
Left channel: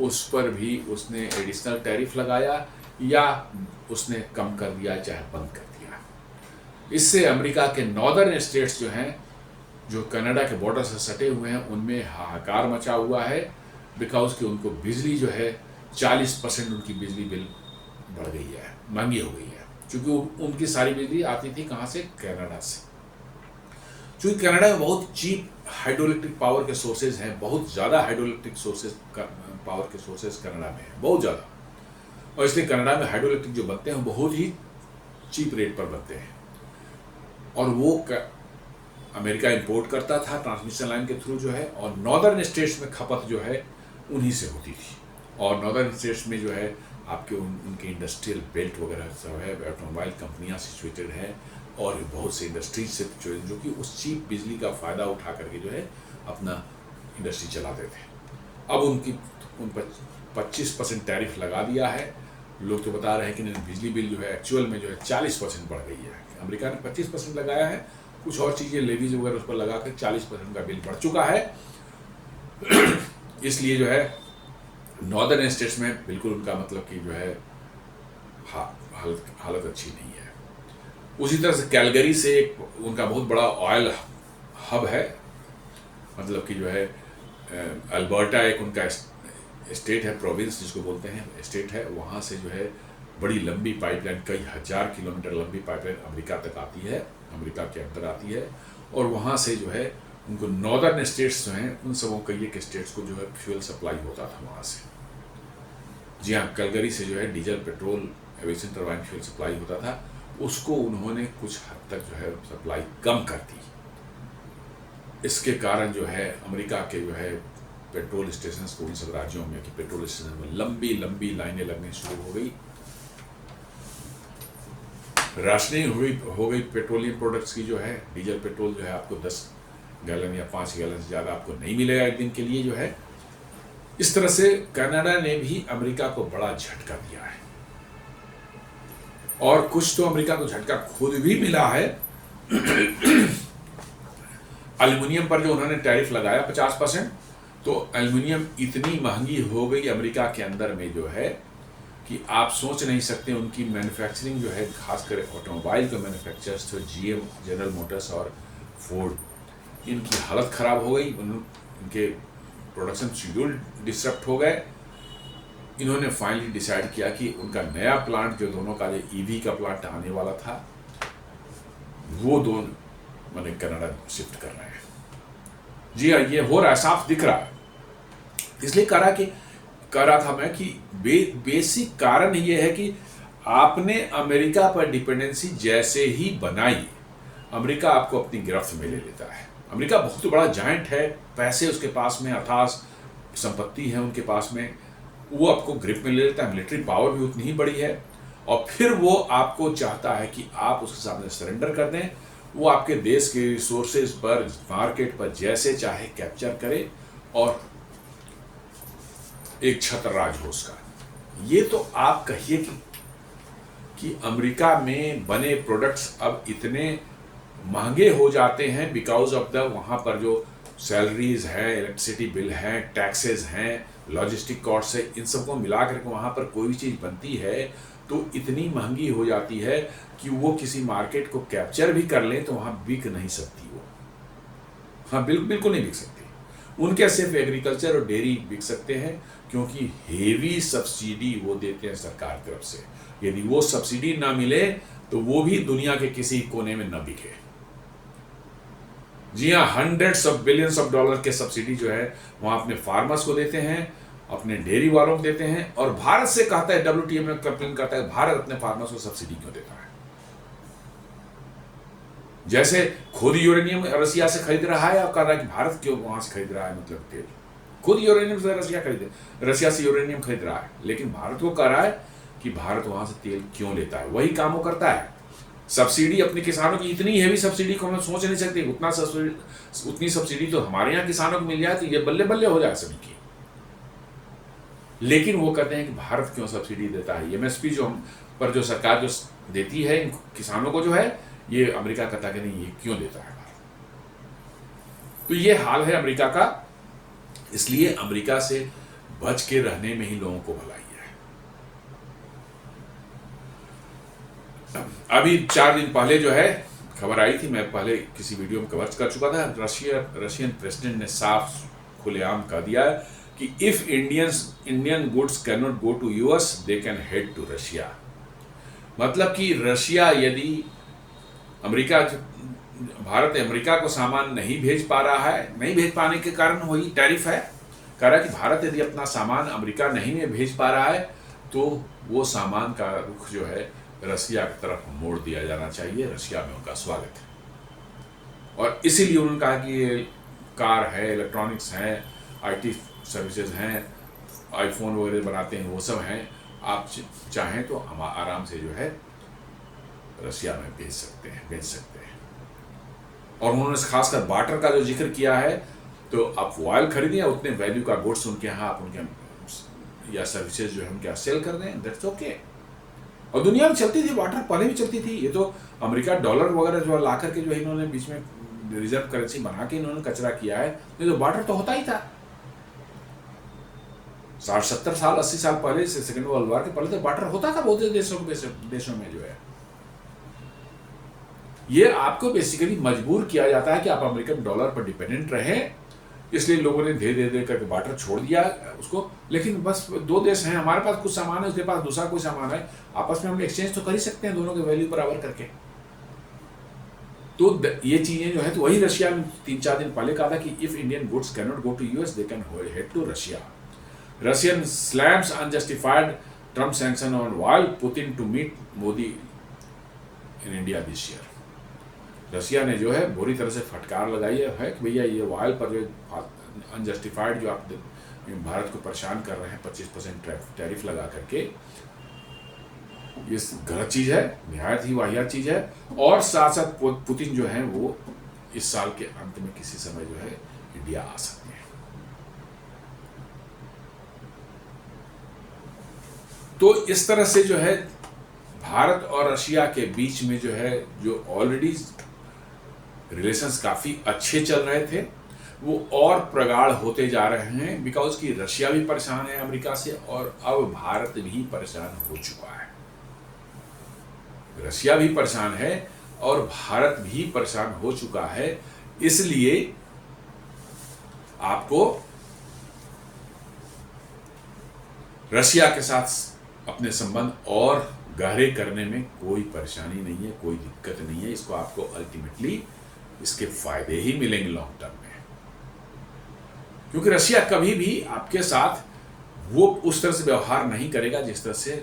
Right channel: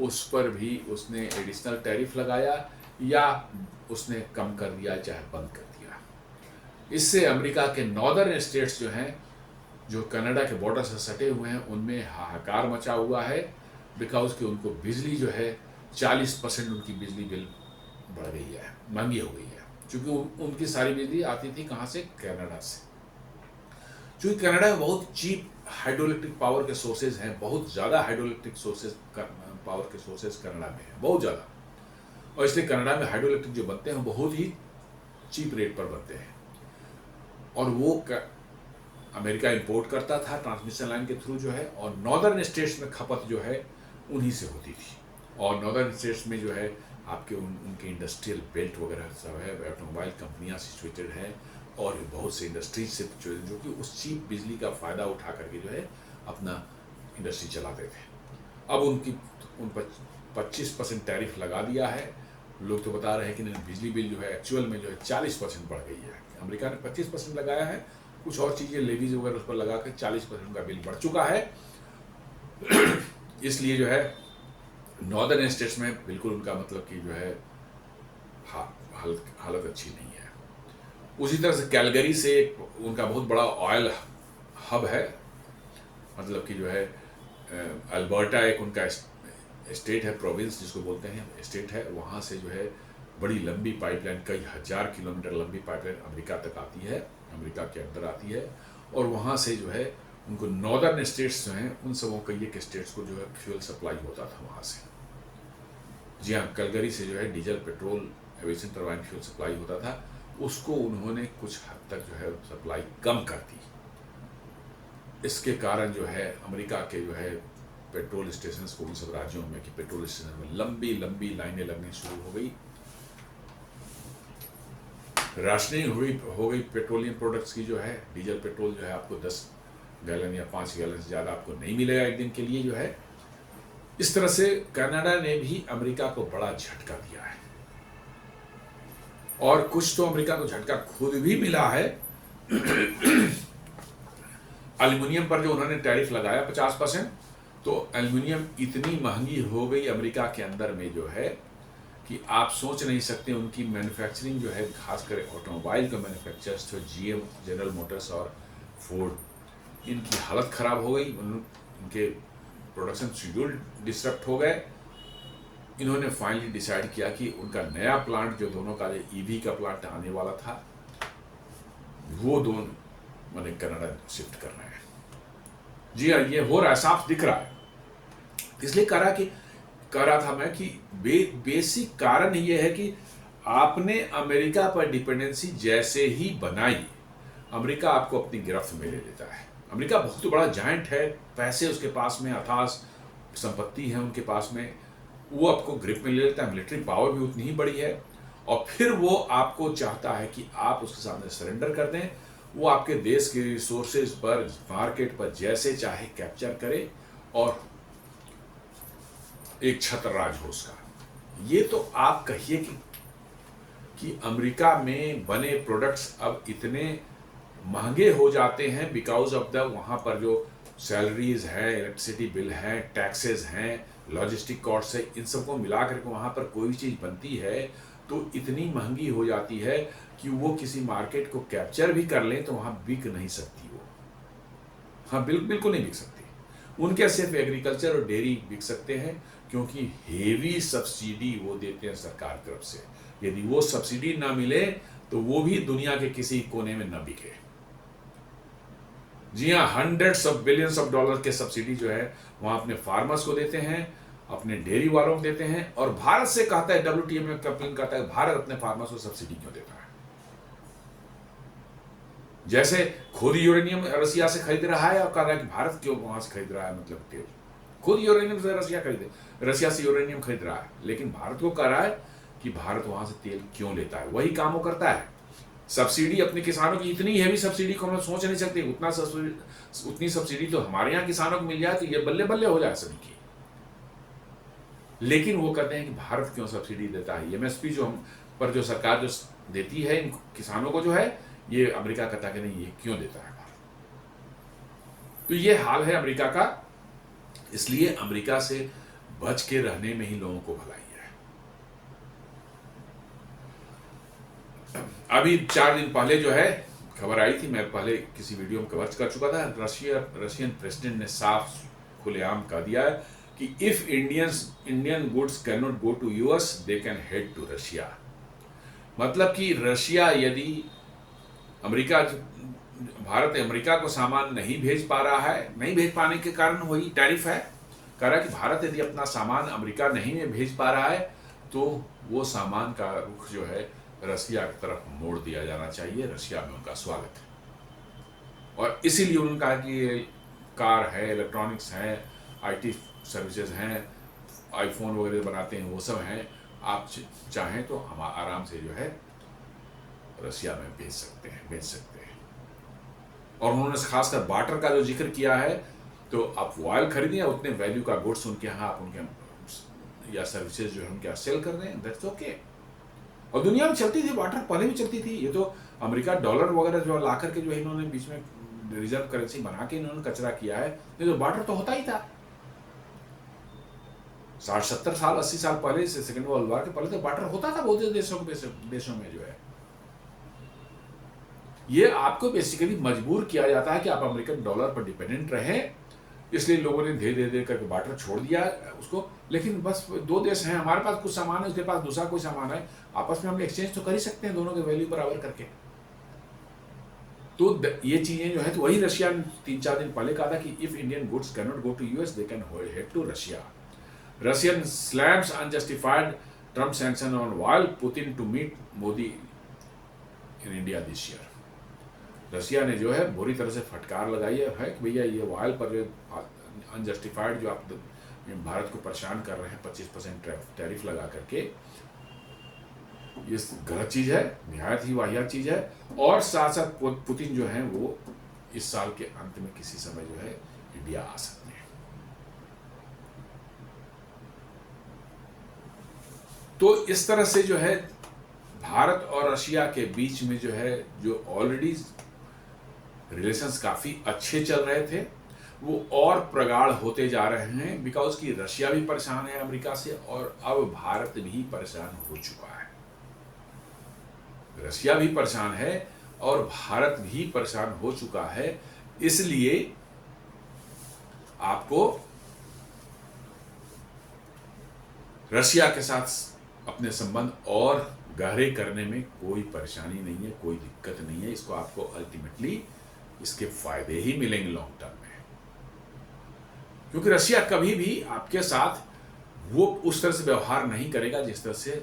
उस पर भी उसने एडिशनल टैरिफ लगाया, या उसने कम कर दिया, चाहे बंद कर दिया। इससे अमेरिका के नॉर्दर्न स्टेट्स जो हैं, जो कनाडा के बॉर्डर से सटे हुए हैं, उनमें हाहाकार मचा हुआ है, बिकॉज कि उनको बिजली जो है 40% उनकी बिजली बिल बढ़ गई है, महंगी हो गई है, क्योंकि उनकी सारी बिजली आती थी कहाँ से? कनाडा से। क्योंकि कनाडा में बहुत चीप हाइड्रो इलेक्ट्रिक पावर के सोर्सेज हैं, बहुत ज़्यादा हाइड्रो इलेक्ट्रिक सोर्सेज पावर के सोर्सेज कनाडा में है, बहुत ज़्यादा, और इसलिए कनाडा में हाइड्रो इलेक्ट्रिक जो बनते हैं बहुत ही चीप रेट पर बनते हैं। और वो अमेरिका इंपोर्ट करता था ट्रांसमिशन लाइन के थ्रू जो है, और नॉर्दर्न स्टेट्स में खपत जो है उन्हीं से होती थी। और नॉर्दर्न स्टेट्स में जो है आपके उनके इंडस्ट्रियल बेल्ट वगैरह सब है, ऑटोमोबाइल कंपनियां सिचुएटेड हैं, और बहुत से इंडस्ट्रीज से जो कि उस चीप बिजली का फ़ायदा उठा करके जो है अपना इंडस्ट्री चलाते थे। अब उन पर 25% टैरिफ लगा दिया है। लोग तो बता रहे हैं कि नहीं, बिजली बिल जो है एक्चुअल में जो है 40% बढ़ गई है। अमेरिका ने 25% लगाया है, कुछ और चीज़ें लेवीज वगैरह उस पर लगा कर 40% का बिल बढ़ चुका है। इसलिए जो है नॉर्दर्न स्टेट्स में बिल्कुल उनका मतलब कि जो है हालत अच्छी नहीं है। उसी तरह से कैलगरी से उनका बहुत बड़ा ऑयल हब है, मतलब कि जो है अल्बर्टा एक उनका स्टेट है, प्रोविंस जिसको बोलते हैं, स्टेट है, वहाँ से जो है बड़ी लंबी पाइपलाइन, कई हजार किलोमीटर लंबी पाइपलाइन अमेरिका तक आती है, अमेरिका के अंदर आती है, और वहाँ से जो है उनको नॉर्दर्न स्टेट्स जो हैं उन सबों कई एक स्टेट्स को जो है फ्यूल सप्लाई होता था वहाँ से। जी हाँ, कैलगरी से जो है diesel, petrol, aviation turbine fuel supply होता था, उसको उन्होंने कुछ हद तक जो है सप्लाई कम कर दी। इसके कारण जो है अमेरिका के जो है पेट्रोल स्टेशन को इन सब राज्यों में कि पेट्रोल स्टेशन में लंबी लंबी लाइनें लगनी शुरू हो गई, राशनिंग हो गई पेट्रोलियम प्रोडक्ट्स की। जो है डीजल पेट्रोल जो है आपको 10 गैलन या 5 गैलन से ज़्यादा आपको नहीं मिलेगा एक दिन के लिए जो है। इस तरह से कनाडा ने भी अमेरिका को बड़ा झटका दिया है, और कुछ तो अमेरिका को झटका खुद भी मिला है। एल्युमिनियम पर जो उन्होंने टैरिफ लगाया 50%, तो एल्युमिनियम इतनी महंगी हो गई अमेरिका के अंदर में जो है कि आप सोच नहीं सकते। उनकी मैन्युफैक्चरिंग जो है, खासकर ऑटोमोबाइल का मैन्युफैक्चरर्स, तो जीएम, जनरल मोटर्स और फोर्ड, इनकी हालत ख़राब हो गई, इनके प्रोडक्शन शेड्यूल डिस्टर्ब हो गए। इन्होंने फाइनली डिसाइड किया कि उनका नया प्लांट जो दोनों का, जो ईवी का प्लांट आने वाला था, वो दोनों मैंने कनाडा शिफ्ट कर रहे हैं। जी हाँ, ये हो रहा है, साफ दिख रहा है। इसलिए कह रहा था मैं कि बेसिक कारण ये है कि आपने अमेरिका पर डिपेंडेंसी जैसे ही बनाई, अमेरिका आपको अपनी गिरफ्त में ले लेता है। अमेरिका बहुत बड़ा जायंट है, पैसे उसके पास में, अथाह संपत्ति है उनके पास में, वो आपको ग्रिप में ले लेता है। मिलिट्री पावर भी उतनी ही बड़ी है, और फिर वो आपको चाहता है कि आप उसके सामने सरेंडर कर दें। वो आपके देश के रिसोर्सेज पर, मार्केट पर जैसे चाहे कैप्चर करे और एक छत्र राज हो उसका। ये तो आप कहिए कि अमेरिका में बने प्रोडक्ट्स अब इतने महंगे हो जाते हैं बिकॉज ऑफ द वहाँ पर जो सैलरीज हैं, इलेक्ट्रिसिटी बिल हैं, टैक्सेस हैं, लॉजिस्टिक कॉस्ट है, इन सबको मिला करके वहाँ पर कोई भी चीज़ बनती है तो इतनी महंगी हो जाती है कि वो किसी मार्केट को कैप्चर भी कर लें तो वहाँ बिक नहीं सकती वो। हाँ, बिल्कुल नहीं बिक सकती। उनके सिर्फ एग्रीकल्चर और डेयरी बिक सकते हैं, क्योंकि हेवी सब्सिडी वो देते हैं सरकार की तरफ से। यदि वो सब्सिडी ना मिले तो वो भी दुनिया के किसी कोने में न बिके। जी हाँ, hundreds of billions of dollar के सब्सिडी जो है वहां अपने फार्मर्स को देते हैं, अपने डेयरी वालों को देते हैं, और भारत से कहता है, WTO में कंप्लेन करता है, भारत अपने फार्मर्स को सब्सिडी क्यों देता है? जैसे खुद यूरेनियम रसिया से खरीद रहा है और कह रहा है कि भारत क्यों वहां से खरीद रहा है, मतलब तेल खुद यूरेनियम से रसिया से यूरेनियम खरीद रहा है, लेकिन भारत को कह रहा है कि भारत वहां से तेल क्यों लेता है। वही काम वो करता है। सब्सिडी अपने किसानों की, इतनी हैवी सब्सिडी को हम सोच नहीं सकते, उतनी सब्सिडी तो हमारे यहाँ किसानों को मिल जाए तो ये बल्ले बल्ले हो जाए सभी की। लेकिन वो कहते हैं कि भारत क्यों सब्सिडी देता है। MSP जो हम पर जो सरकार जो देती है इन किसानों को जो है, ये अमेरिका कहता है कि नहीं, ये क्यों देता है भारत। तो ये हाल है अमेरिका का। इसलिए अमेरिका से बच के रहने में ही लोगों को भलाई है। अभी 4 दिन पहले जो है खबर आई थी, मैं पहले किसी वीडियो में कवर कर चुका था, रशियन प्रेसिडेंट ने साफ खुलेआम कह दिया कि if Indian goods can not go to US, they can head to Russia. मतलब कि रशिया यदि भारत अमेरिका को सामान नहीं भेज पा रहा है, नहीं भेज पाने के कारण वही टैरिफ है, कह रहा है कि भारत यदि अपना सामान अमेरिका नहीं भेज पा रहा है तो वो सामान का रुख जो है रसिया की तरफ मोड़ दिया जाना चाहिए। रशिया में उनका स्वागत है। और इसीलिए उन्होंने कहा कि ये कार है, इलेक्ट्रॉनिक्स हैं, IT सर्विसेज हैं, आईफोन वगैरह बनाते हैं, वो सब हैं, आप चाहें तो हम आराम से जो है रसिया में बेच सकते हैं। और उन्होंने खासकर बार्टर का जो जिक्र किया है, तो आप ऑयल खरीदिए, उतने वैल्यू का गुड्स उनके यहाँ आप उनके या सर्विसेज जो है उनके यहाँ सेल कर दें, दैट्स ओके। और दुनिया में चलती थी बार्टर, पहले भी चलती थी। ये तो अमेरिका डॉलर वगैरह जो ला करके जो इन्होंने बीच में रिजर्व करेंसी बना के इन्होंने कचरा किया है। ये तो बार्टर तो होता ही था 60-70 साल 80 साल पहले से, सेकेंड वर्ल्ड वॉर के पहले तो बार्टर होता था बहुत देशों में जो है। ये आपको बेसिकली मजबूर किया जाता है कि आप अमेरिकन डॉलर पर डिपेंडेंट रहें, इसलिए लोगों ने धीरे धीरे करके बार्टर छोड़ दिया उसको। लेकिन बस 2 देश हैं, हमारे पास कुछ सामान है, उसके पास दूसरा कोई सामान है, आपस में हम एक्सचेंज तो कर ही सकते हैं दोनों के वैल्यू बराबर करके। तो ये चीजें जो है, तो वही रशिया में 3-4 दिन पहले कहा था कि if Indian goods can not go to US, they can head to Russia. Russian slams unjustified Trump sanction on oil, Putin to meet Modi in India this year. Russia ने जो है बुरी तरह से फटकार लगाई है कि भैया ये ऑयल पर जो अनजस्टिफाइड जो आप भारत को परेशान कर रहे हैं 25% टैरिफ लगा करके, ये गलत चीज़ है, निहायत ही वाहियात चीज़ है। और साथ साथ पुतिन जो है वो इस साल के अंत में किसी समय जो है इंडिया आ सकते हैं। तो इस तरह से जो है भारत और रशिया के बीच में जो है, जो ऑलरेडी रिलेशंस काफ़ी अच्छे चल रहे थे, वो और प्रगाढ़ होते जा रहे हैं, बिकॉज कि रशिया भी परेशान है अमेरिका से, और अब भारत भी परेशान हो चुका है। रशिया भी परेशान है और भारत भी परेशान हो चुका है। इसलिए आपको रशिया के साथ अपने संबंध और गहरे करने में कोई परेशानी नहीं है, कोई दिक्कत नहीं है। इसको आपको अल्टीमेटली इसके फायदे ही मिलेंगे लॉन्ग टर्म में, क्योंकि रशिया कभी भी आपके साथ वो उस तरह से व्यवहार नहीं करेगा जिस तरह से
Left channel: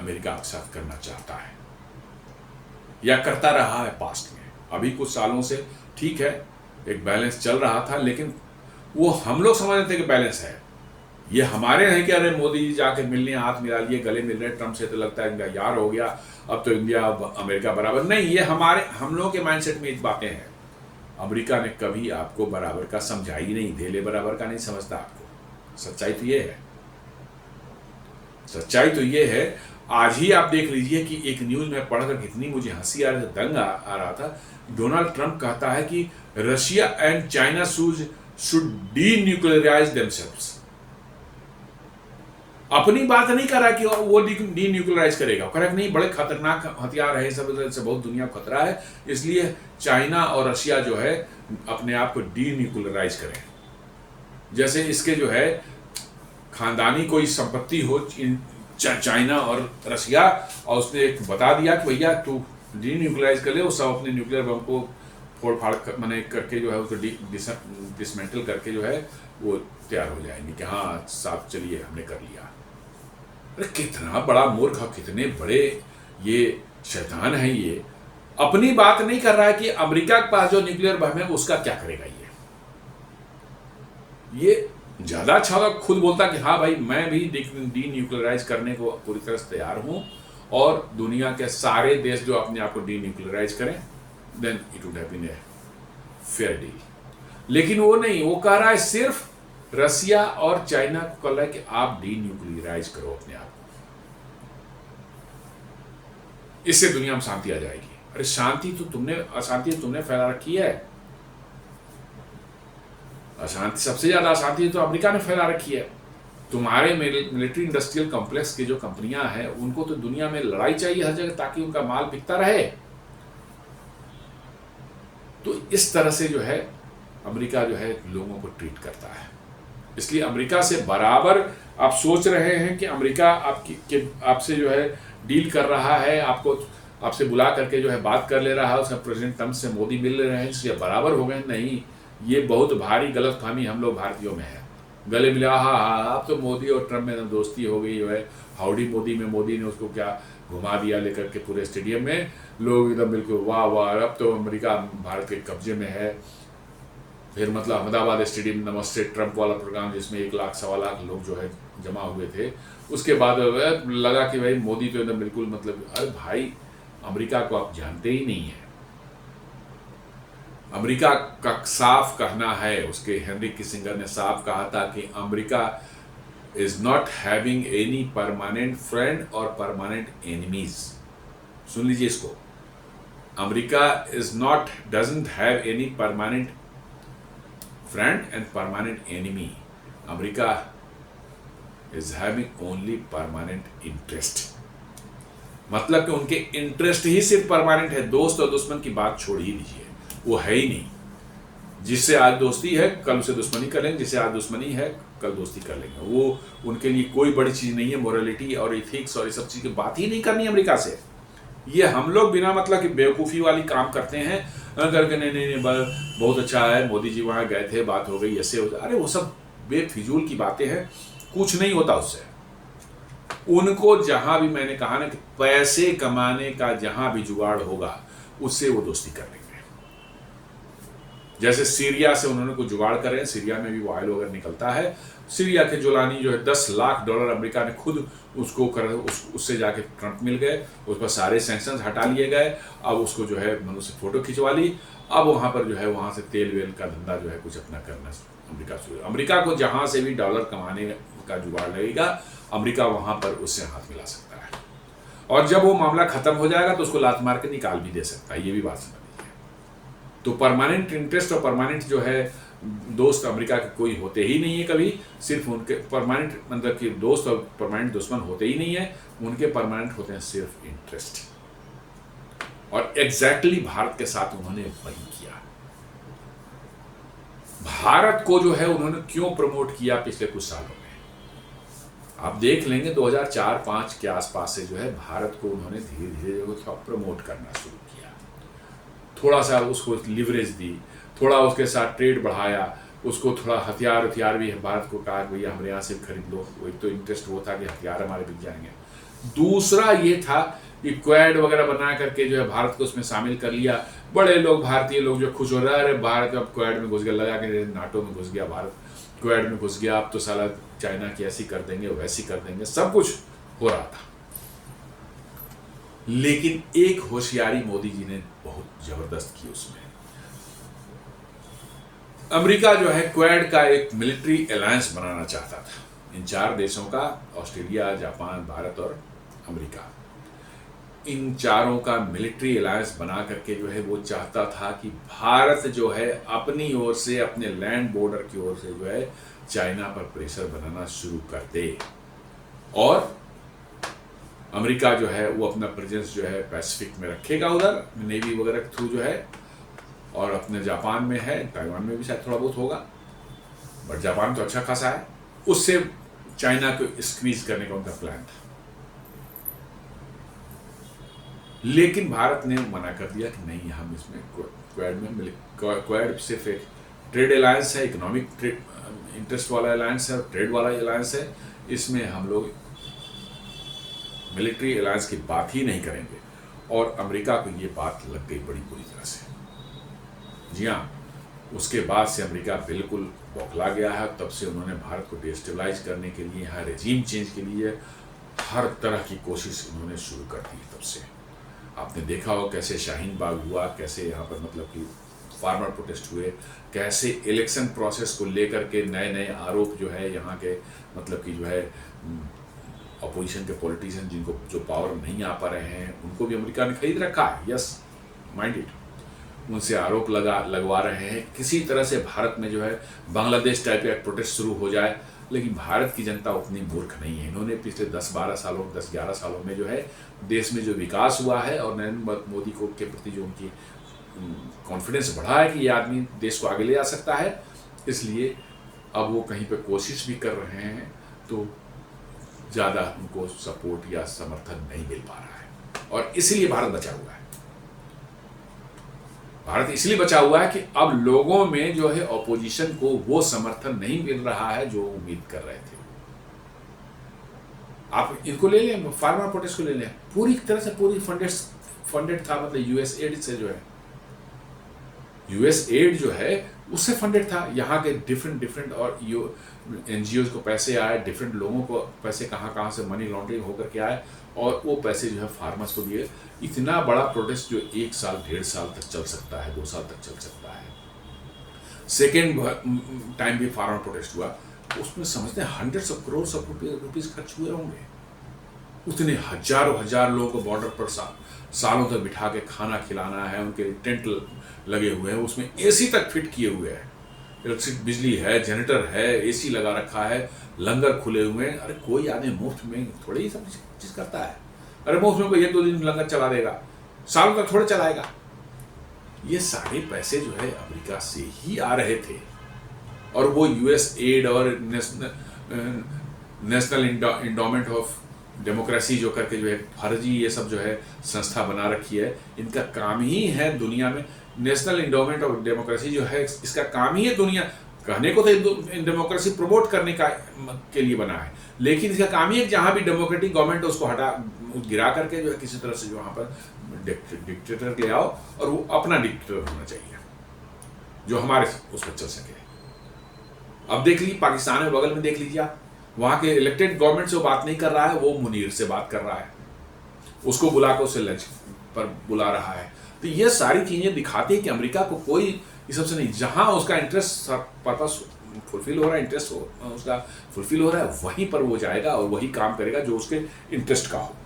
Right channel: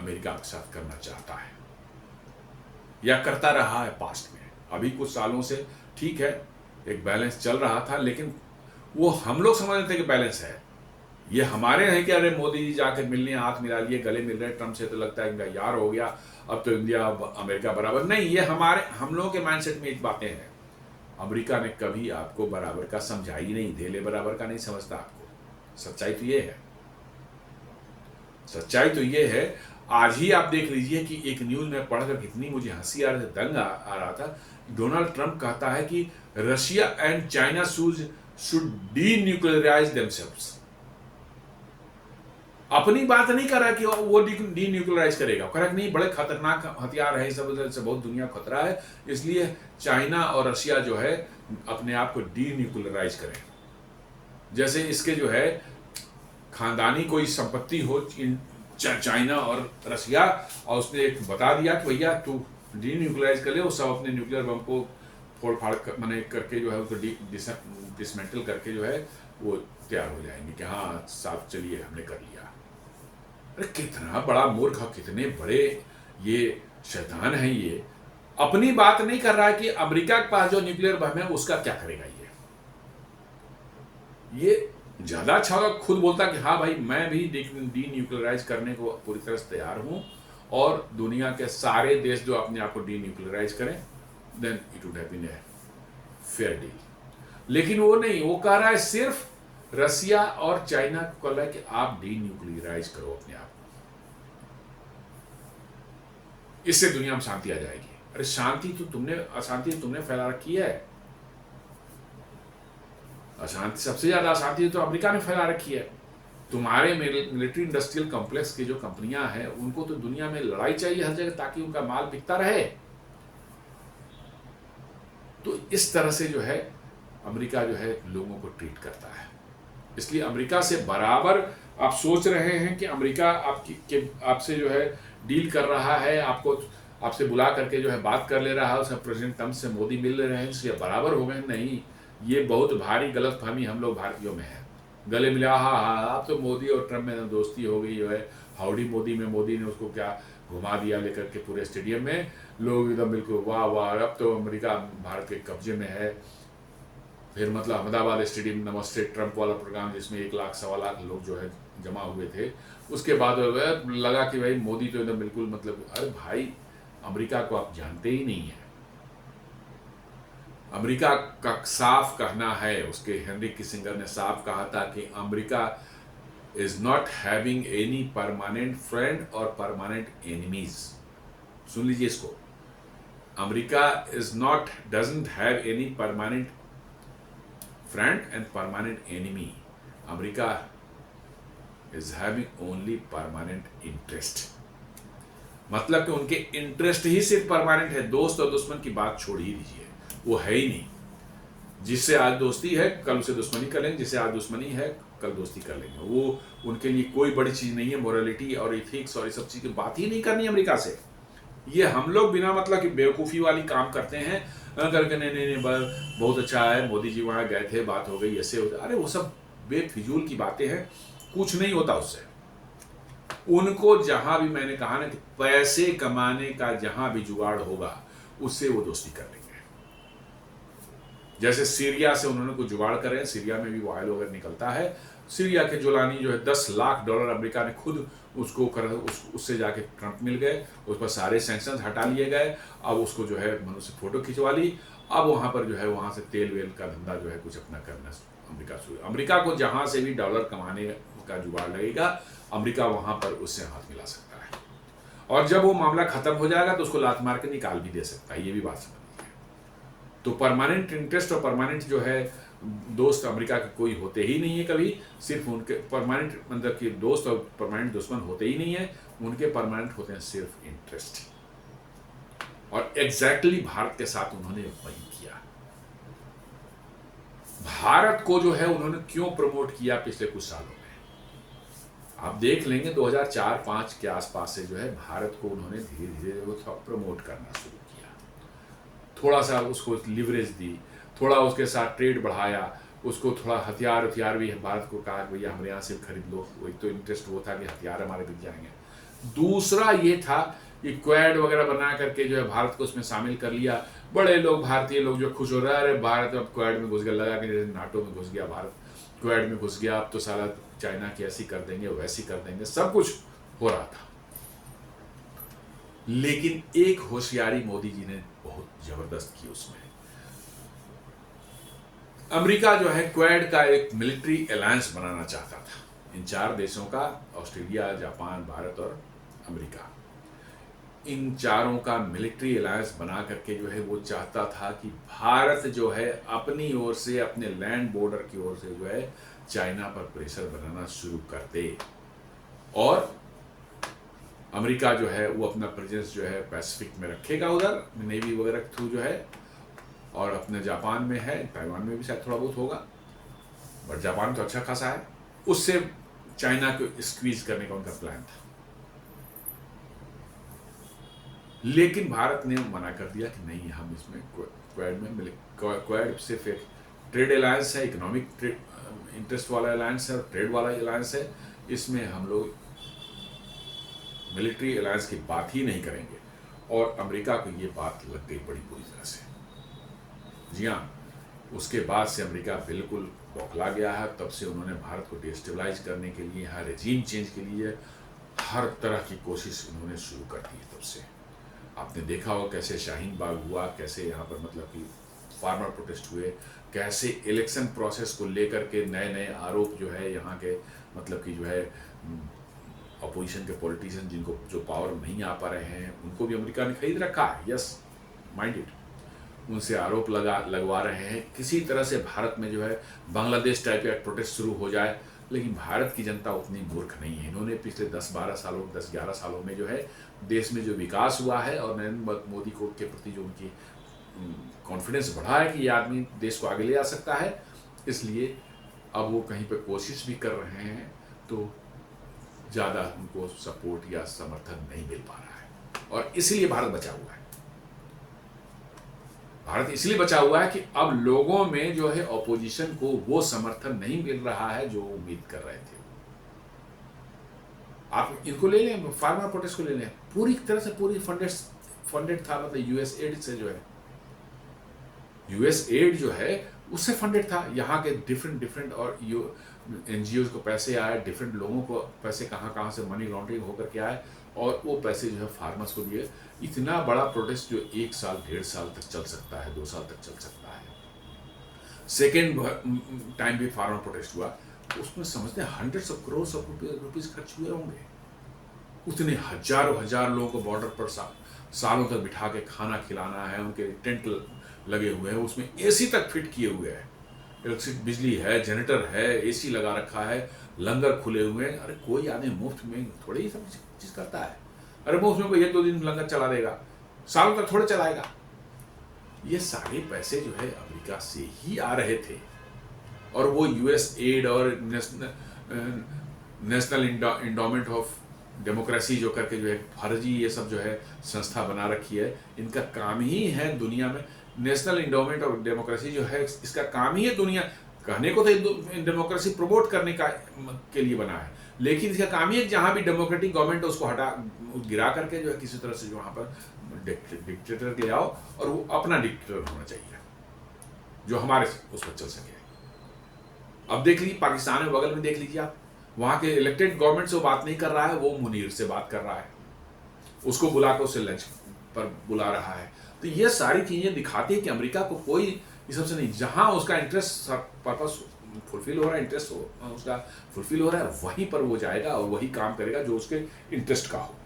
अमेरिका आपके साथ करना चाहता है या करता रहा है पास्ट में। अभी कुछ सालों से ठीक है, एक बैलेंस चल रहा था, लेकिन वो हम लोग समझते थे कि बैलेंस है। ये हमारे नहीं कि अरे मोदी जी जाकर मिलने हाथ मिला लिए, गले मिल रहे, ट्रम्प से तो लगता है इनका यार हो गया, अब तो इंडिया अमेरिका बराबर नहीं। ये हम लोगों के माइंडसेट में इस बातें हैं। अमेरिका ने कभी आपको बराबर का समझा ही नहीं, धेले बराबर का नहीं समझता आपको। सच्चाई तो ये है, सच्चाई तो ये है। आज ही आप देख लीजिए कि एक न्यूज में पढ़कर कितनी मुझे हंसी आ रही थी, दंग आ रहा था। डोनाल्ड ट्रंप कहता है कि Russia and China should denuclearise themselves. अपनी बात नहीं कर रहा कि वो डीन्यूक्लियराइज करेगा, कह रहा नहीं, बड़े खतरनाक हथियार है, सब से बहुत दुनिया को खतरा है, इसलिए चाइना और रशिया जो है अपने आप को डीन्यूक्लियराइज करें। जैसे इसके जो है खानदानी कोई संपत्ति हो चाइना और रशिया, और उसने एक बता दिया कि भैया तू डीन्यूक्लियराइज कर ले, वो सब अपने न्यूक्लियर बम को फोड़ फाड़ मैंने करके जो है उसको डिसमेंटल करके जो है वो तैयार हो जाएंगे कि हाँ साथ चलिए हमने कर लिया। अरे कितना बड़ा मूर्ख, कितने बड़े ये शैतान है। ये अपनी बात नहीं कर रहा है कि अमेरिका के पास जो न्यूक्लियर बम है उसका क्या करेगा। ये ज्यादा अच्छा होगा खुद बोलता कि हाँ भाई मैं भी डीन्यूक्लियराइज करने को पूरी तरह से तैयार हूं, और दुनिया के सारे देश जो अपने आप को डीन्यूक्लियराइज करें, then it would have been a fair deal. लेकिन वो नहीं, वो कह रहा है सिर्फ रशिया और चाइना को कह रहा है कि आप डीन्यूक्लियराइज करो अपने आप को, इससे दुनिया में शांति आ जाएगी। अरे शांति तो तुमने फैला रखी है। अशांति, सबसे ज्यादा अशांति तो अमेरिका ने फैला रखी है। तुम्हारे मिलिट्री इंडस्ट्रियल कॉम्प्लेक्स की जो कंपनियां हैं उनको तो दुनिया में लड़ाई चाहिए हर जगह, ताकि उनका माल बिकता रहे। तो इस तरह से जो है अमेरिका जो है लोगों को ट्रीट करता है। इसलिए अमेरिका से बराबर आप सोच रहे हैं कि अमेरिका आपसे जो है डील कर रहा है, आपसे बुला करके जो है बात कर ले रहा है, उसमें प्रेसिडेंट ट्रंप से मोदी मिल रहे हैं, इसलिए बराबर हो गए। नहीं, ये बहुत भारी गलतफहमी हम लोग भारतीयों में है। गले मिला, हाँ अब तो मोदी और ट्रंप में दोस्ती हो गई है, हाउडी मोदी में मोदी ने उसको क्या घुमा दिया लेकर के पूरे स्टेडियम में, लोग एकदम बिल्कुल वाह वाह, अब तो अमेरिका भारत के कब्जे में है। फिर मतलब अहमदाबाद स्टेडियम नमस्ते ट्रंप वाला प्रोग्राम जिसमें 1 लाख 1.25 लाख लोग जो है जमा हुए थे, उसके बाद लगा कि भाई मोदी तो एकदम बिल्कुल मतलब, अरे भाई अमेरिका को आप जानते ही नहीं है। अमेरिका का साफ कहना है, उसके हेनरी किसिंगर ने साफ कहा था कि America is not having any permanent friend और परमानेंट एनिमीज। सुन लीजिए इसको, America doesn't have any permanent friend and permanent enemy. America is having only permanent interest. मतलब कि उनके इंटरेस्ट ही सिर्फ परमानेंट है, दोस्त और दुश्मन की बात छोड़ ही दीजिए, वो है ही नहीं। जिससे आज दोस्ती है कल उसे दुश्मनी कर लेंगे, जिससे आज दुश्मनी है कल दोस्ती कर लेंगे। वो उनके लिए कोई बड़ी चीज नहीं है। मोरालिटी और इथिक्स और ये सब चीज की बात ही नहीं करनी अमेरिका से। ये हम लोग बिना मतलब कि बेवकूफ़ी वाली काम करते हैं, करके नहीं बहुत अच्छा है, मोदी जी वहाँ गए थे, बात हो गई, ऐसे हो। अरे वो सब बेफिजूल की बातें हैं, कुछ नहीं होता उससे। उनको जहां भी, मैंने कहा ना कि पैसे कमाने का जहां भी जुगाड़ होगा उससे वो दोस्ती कर लेंगे। जैसे सीरिया से उन्होंने कुछ जुगाड़ करे, सीरिया में भी ऑयल वगैरह निकलता है। सीरिया के जोलानी जो है $10 लाख अमेरिका ने खुद उसको उससे जाके ट्रंप मिल गए, उस पर सारे सैंक्शंस हटा लिए गए। अब उसको जो है मनुष्य फोटो खिंचवा ली, अब वहां पर जो है वहां से तेल वेल का धंधा जो है कुछ अपना करना अमेरिका शुरू। अमेरिका को जहां से भी डॉलर कमाने का जुगाड़ लगेगा, अमेरिका वहां पर उससे हाथ मिला सकता है, और जब वो मामला खत्म हो जाएगा तो उसको लात मार के निकाल भी दे सकता है। ये भी बात समझ लीजिए। तो परमानेंट इंटरेस्ट और परमानेंट जो है दोस्त अमेरिका के कोई होते ही नहीं है कभी। सिर्फ उनके परमानेंट मतलब कि दोस्त और परमानेंट दुश्मन होते ही नहीं है, उनके परमानेंट होते हैं सिर्फ इंटरेस्ट। और एग्जैक्टली भारत के साथ उन्होंने वही किया। भारत को जो है उन्होंने क्यों प्रमोट किया पिछले कुछ सालों में, आप देख लेंगे 2004-05 के आसपास से जो है भारत को उन्होंने धीरे धीरे जो है प्रमोट करना शुरू किया, थोड़ा सा उसको लिवरेज दी, थोड़ा उसके साथ ट्रेड बढ़ाया, उसको थोड़ा हथियार भी भारत को कहा कि भैया हमारे यहाँ से खरीद लो, वही तो इंटरेस्ट वो था कि हथियार हमारे बिक जाएंगे। दूसरा ये था कि क्वेड वगैरह बना करके जो है भारत को उसमें शामिल कर लिया, बड़े लोग भारतीय लोग जो खुश हो रहे हैं, अरे भारत अब क्वेड में घुस गया, लगा कि नाटो में घुस गया भारत, क्वेड में घुस गया, अब तो साला चाइना की ऐसी कर देंगे वैसी कर देंगे, सब कुछ हो रहा था। लेकिन एक होशियारी मोदी जी ने बहुत जबरदस्त की उसमें, अमेरिका जो है क्वेड का एक मिलिट्री अलायंस बनाना चाहता था इन 4 देशों का, ऑस्ट्रेलिया, जापान, भारत और अमेरिका, इन चारों का मिलिट्री अलायंस बना करके जो है वो चाहता था कि भारत जो है अपनी ओर से, अपने लैंड बॉर्डर की ओर से जो है चाइना पर प्रेशर बनाना शुरू कर दे, और अमेरिका जो है वो अपना प्रेजेंस जो है पैसिफिक में रखेगा उधर नेवी वगैरह के थ्रू जो है, और अपने जापान में है, ताइवान में भी शायद थोड़ा बहुत होगा, बट जापान तो अच्छा खासा है, उससे चाइना को स्क्वीज करने का उनका प्लान था। लेकिन भारत ने मना कर दिया कि नहीं, हम इसमें क्वेड में, क्वेड सिर्फ एक ट्रेड अलायंस है, इकोनॉमिक इंटरेस्ट वाला अलायंस है, ट्रेड वाला अलायंस है, इसमें हम लोग मिलिट्री अलायंस की बात ही नहीं करेंगे। और अमेरिका को ये बात लग गई बड़ी बुरी तरह से। जी हाँ, उसके बाद से अमेरिका बिल्कुल बौखला गया है, तब से उन्होंने भारत को डिस्टेबलाइज करने के लिए, यहाँ रेजीम चेंज के लिए हर तरह की कोशिश उन्होंने शुरू कर दी है। तब से आपने देखा हो कैसे शाहीन बाग हुआ, कैसे यहाँ पर मतलब कि फार्मर प्रोटेस्ट हुए, कैसे इलेक्शन प्रोसेस को लेकर के नए नए आरोप जो है यहाँ के मतलब कि जो है अपोजिशन के पॉलिटिशियन जिनको जो पावर में नहीं आ पा रहे हैं उनको भी अमेरिका ने खरीद रखा है, यस माइंडेड, उनसे आरोप लगवा रहे हैं। किसी तरह से भारत में जो है बांग्लादेश टाइप का प्रोटेस्ट शुरू हो जाए, लेकिन भारत की जनता उतनी मूर्ख नहीं है। इन्होंने पिछले 10-12 सालों 10-11 सालों में जो है देश में जो विकास हुआ है और नरेंद्र मोदी को के प्रति जो उनकी कॉन्फिडेंस बढ़ा है कि ये आदमी देश को आगे ले जा सकता है, इसलिए अब वो कहीं पर कोशिश भी कर रहे हैं तो ज़्यादा उनको सपोर्ट या समर्थन नहीं मिल पा रहा है, और इसलिए भारत बचा हुआ है। भारत इसलिए बचा हुआ है कि अब लोगों में जो है ऑपोजिशन को वो समर्थन नहीं मिल रहा है जो उम्मीद कर रहे थे। आप इनको ले लें, फार्मर प्रोटेस्ट को ले लें, पूरी तरह से पूरी फंडेड था, मतलब यूएस एड से जो है, यूएस एड जो है उससे फंडेड था। यहाँ के डिफरेंट और एनजीओ को पैसे आए, डिफरेंट लोगों को पैसे कहाँ से मनी लॉन्ड्रिंग होकर के आए, और वो पैसे जो है फार्मर्स को दिए। इतना बड़ा प्रोटेस्ट जो 1 साल 1.5 साल तक चल सकता है, 2 साल तक चल सकता है। सेकेंड टाइम भी फार्मर प्रोटेस्ट हुआ, उसमें समझते हैं hundreds of crores of rupees खर्च हुए होंगे। उतने हजार लोगों को बॉर्डर पर सालों तक बिठा के खाना खिलाना है, उनके टेंट लगे हुए हैं, उसमें एसी तक फिट किए हुए हैं, इलेक्ट्रिक बिजली है, जनरेटर है, एसी लगा रखा है, लंगर खुले हुए हैं। अरे कोई आदमी मुफ्त में थोड़ी सब चीज करता है, अरे मुफ्त में 1-2 दिन लंगर चला देगा, सालों तक थोड़े चलाएगा। ये सारे पैसे जो है अमेरिका से ही आ रहे थे, और वो यूएस एड और नेशनल इंडोमेंट ऑफ डेमोक्रेसी जो करके जो है फर्जी ये सब जो है संस्था बना रखी है, इनका काम ही है दुनिया में, नेशनल इंडोमेंट ऑफ डेमोक्रेसी जो है इसका काम ही है दुनिया, कहने को तो डेमोक्रेसी प्रमोट करने का के लिए बना है, लेकिन इसका काम ही है जहाँ भी डेमोक्रेटिक गवर्नमेंट उसको गिरा करके जो है किसी तरह से जो वहाँ पर डिक्टेटर ले आओ, और वो अपना डिक्टेटर होना चाहिए जो हमारे उस पर चल सके। अब देख लीजिए पाकिस्तान में बगल में देख लीजिए आप, वहाँ के इलेक्टेड गवर्नमेंट से बात नहीं कर रहा है, वो मुनीर से बात कर रहा है, उसको बुलाकर उसे लंच पर बुला रहा है। तो ये सारी चीज़ें दिखाती है कि अमेरिका को कोई इस सबसे नहीं, जहाँ उसका इंटरेस्ट पर्पस फुलफिल हो रहा है, इंटरेस्ट हो उसका फुलफिल हो रहा है, वहीं पर वो जाएगा और वही काम करेगा जो उसके इंटरेस्ट का हो।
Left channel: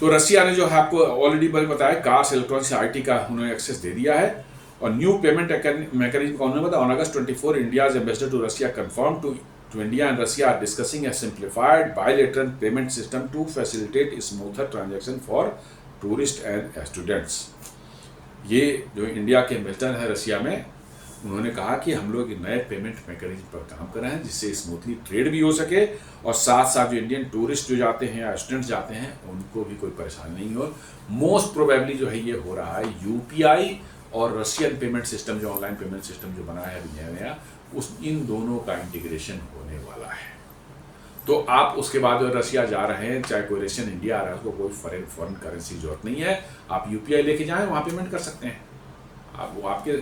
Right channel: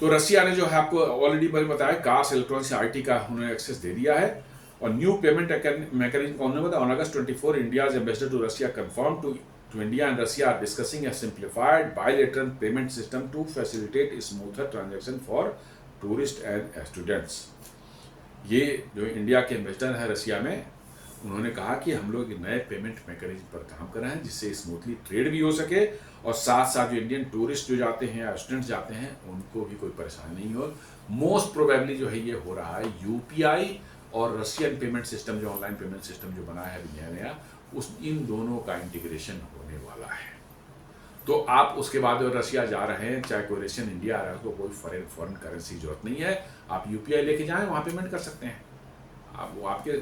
तो रसिया ने जो है आपको ऑलरेडी मैंने बताया, कार्स इलेक्ट्रॉनिक्स आईटी का उन्होंने एक्सेस दे दिया है, और न्यू पेमेंट मैकेनिज्म का उन्होंने बताया, on August 24 India ambassador to Russia confirm to to India and Russia are discussing a simplified bilateral payment system to facilitate smoother transaction for tourists and students. ये जो India के investor हैं Russia में, उन्होंने कहा कि हम लोग नए पेमेंट मैकेनिज्म पर काम कर रहे हैं जिससे स्मूथली ट्रेड भी हो सके और साथ साथ जो इंडियन टूरिस्ट जो जाते हैं या स्टूडेंट्स जाते हैं उनको भी कोई परेशानी नहीं हो. मोस्ट प्रोबेबली जो है ये हो रहा है यूपीआई और रशियन पेमेंट सिस्टम जो ऑनलाइन पेमेंट सिस्टम जो बना है नया उस इन दोनों का इंटीग्रेशन होने वाला है. तो आप उसके बाद रशिया जा रहे हैं, चाहे कोई रशियन इंडिया आ रहा है, उसको कोई फॉरेन करेंसी जरूरत नहीं है. आप यूपीआई लेके जाएं, वहाँ पेमेंट कर सकते हैं. आप वो आपके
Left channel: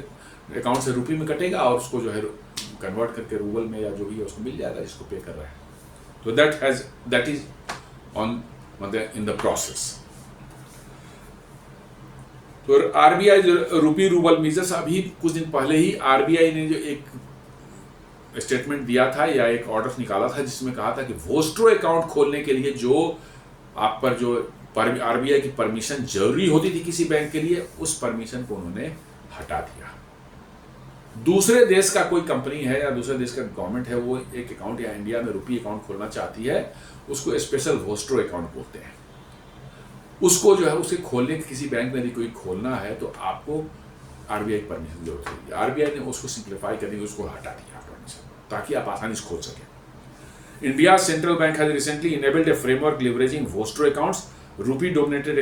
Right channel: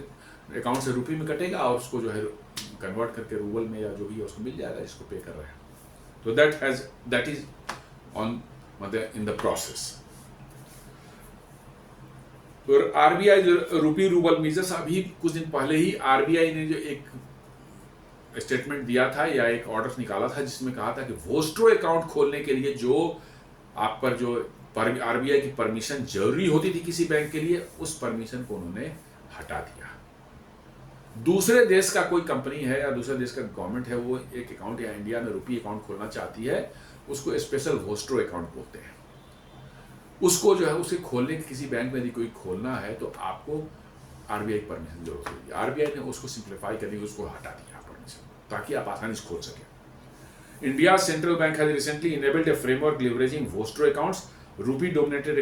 अकाउंट से रुपये में कटेगा और उसको जो है कन्वर्ट करके रूबल में या जो भी है उसको मिल जाएगा जिसको पे कर रहे हैं. तो दैट इज ऑन मतलब इन द प्रोसेस. तो आरबीआई रुपी रूबल मीजर्स, अभी कुछ दिन पहले ही आरबीआई ने जो एक स्टेटमेंट दिया था या एक ऑर्डर निकाला था जिसमें कहा था कि वोस्ट्रो अकाउंट खोलने के लिए जो आप पर जो आरबीआई की परमिशन जरूरी होती थी किसी बैंक के लिए, उस परमिशन को उन्होंने हटा दिया. दूसरे देश का कोई कंपनी है या दूसरे देश का गवर्नमेंट है, वो एक अकाउंट या इंडिया में रुपी अकाउंट खोलना चाहती है, उसको स्पेशल वोस्ट्रो अकाउंट बोलते हैं. उसको जो है उसे खोलने के किसी बैंक में यदि कोई खोलना है तो आपको आरबीआई की परमिशन जरूरत होगी. आरबीआई ने उसको सिंप्लीफाई करके उसको हटा दिया परमिशन ताकि आप आसानी से खोल सकें. India central bank has recently enabled A framework leveraging vostro accounts, rupee denominated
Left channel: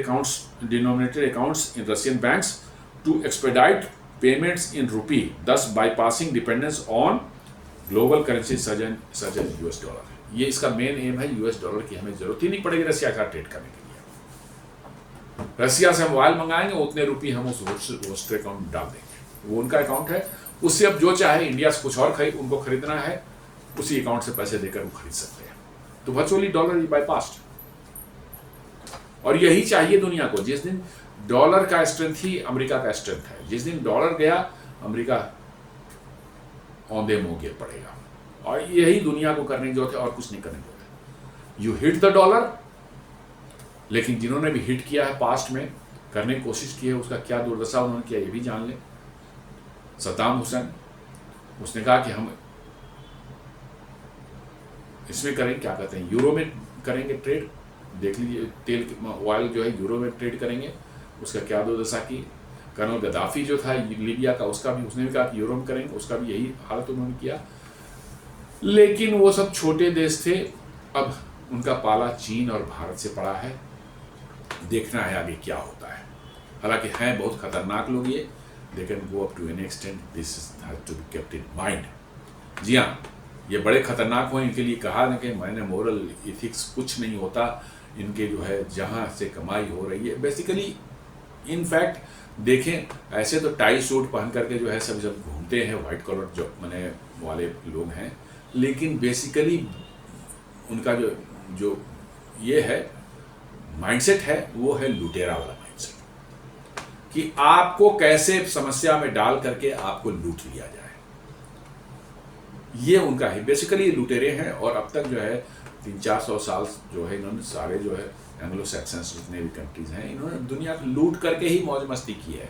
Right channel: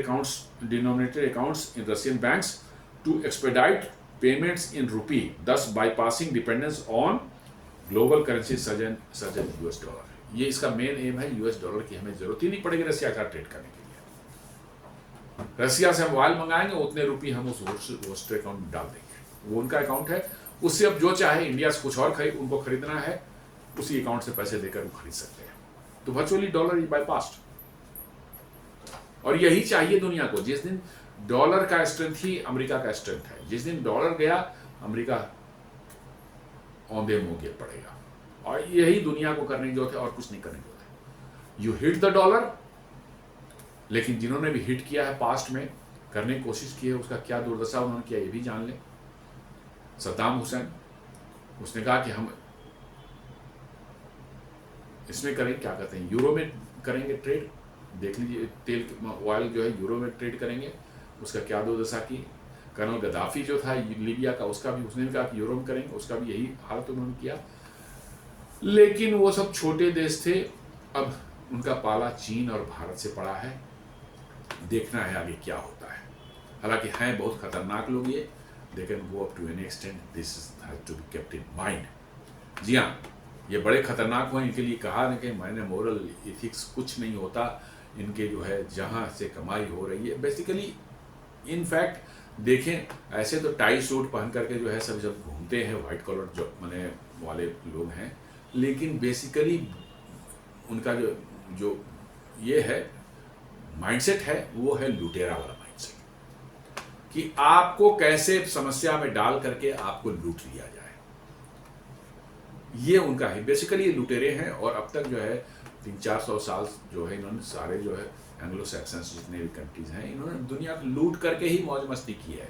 accounts in Russian banks to expedite payments in rupee, thus bypassing dependence on global currencies such as US dollar. ये इसका main M है, US dollar की हमें जरूरत ही नहीं पड़ेगी Russia का trade करने के लिए. रशिया से हम मोबाइल मंगाएंगे, उतने रुपये हम उस वोस्ट्रो अकाउंट में डाल देंगे. वो उनका अकाउंट है, उससे अब जो चाहे इंडिया से कुछ और उनको खरीदना है, उसी अकाउंट से पैसे देकर वो खरीद सकते हैं. तो वर्चुअली डॉलर इज बाईपास्ड. और यही चाहिए दुनिया को. जिस दिन डॉलर का स्ट्रेंथ ही अमेरिका का स्ट्रेंथ है, जिस दिन डॉलर गया अमेरिका औंधे मुंह गिर पड़ेगा. और यही दुनिया को करने की जरूरत है और कुछ नहीं करने की जरूरत है. यू हिट द डॉलर, लेकिन जिन्होंने भी हिट किया है पास्ट में, करने की कोशिश की है, उसका क्या दुर्दशा उन्होंने किया ये भी जान ले. सद्दाम हुसैन, उसने कहा कि हम इसमें करेंगे, क्या कहते हैं, यूरो में करेंगे ट्रेड. देख लीजिए, तेल ऑयल जो है यूरो में ट्रेड करेंगे, उसका क्या दुर्दशा की. कर्नल गद्दाफी जो था लीबिया का, उसका भी उसने भी कहा कि यूरो में करेंगे, उसका भी यही हालत उन्होंने किया. लेकिन वो सब छोटे देश थे. अब उनका पाला चीन और भारत से पड़ा है. देखना है अभी क्या होता है. हालांकि हैं बहुत खतरनाक लोग ये, they can go up to any extent. This has to be kept in mind. जी हाँ, ये बड़े खतरनाक हो. इनके लिए कहा ना कि मैंने मोरल इथिक्स कुछ नहीं होता. इनके जो है जहाँ से कमाई हो रही है बेसिकली. इनफैक्ट देखें, ऐसे तो टाई सूट पहन करके जो है सब जब घूमते हैं, वाइट कॉलर जो बने वाले लोग हैं, लेकिन बेसिकली उनका जो ये है माइंडसेट है, वो है लुटेरा वाला माइंडसेट कि आपको कैसे समस्या में डाल करके आपको लूट लिया जाए. ये उनका है बेसिकली. ये लुटेरे हैं. और अब तक जो है 300-400 साल जो है इन्होंने सारे जो है एंग्लो सैक्सन्स जितने भी कंट्रीज हैं, इन्होंने दुनिया को लूट करके ही मौज मस्ती की है.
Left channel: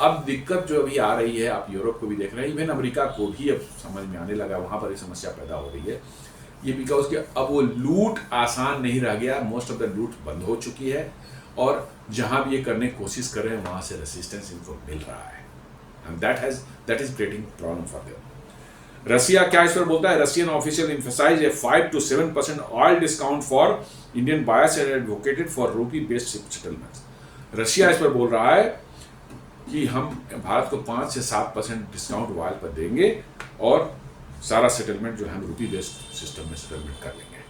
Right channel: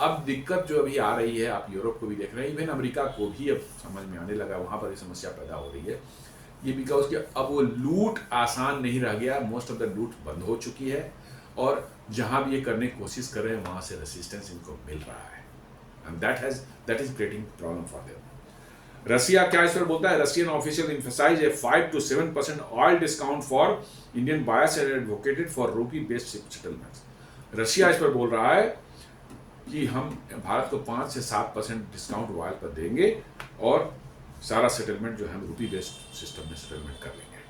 अब दिक्कत जो अभी आ रही है, आप यूरोप को भी देख रहे हैं, इवन अमेरिका को भी अब समझ में आने लगा, वहाँ पर ये समस्या पैदा हो रही है. ये बिकॉज कि अब वो लूट आसान नहीं रह गया. मोस्ट ऑफ द लूट बंद हो चुकी है और जहाँ भी ये करने की कोशिश कर रहे हैं वहाँ से रेसिस्टेंस इनको मिल रहा है. And that is creating problem for them. Russia क्या इस पर बोलता है? Russian official emphasise a 5 to 7% oil discount for Indian buyers and advocated for rupee based settlements. Russia इस पर बोल रहा है कि हम भारत को 5 से 7% डिस्काउंट ऑयल पर देंगे और सारा सेटलमेंट जो है हम रूपी बेस्ड सिस्टम में सेटलमेंट कर लेंगे.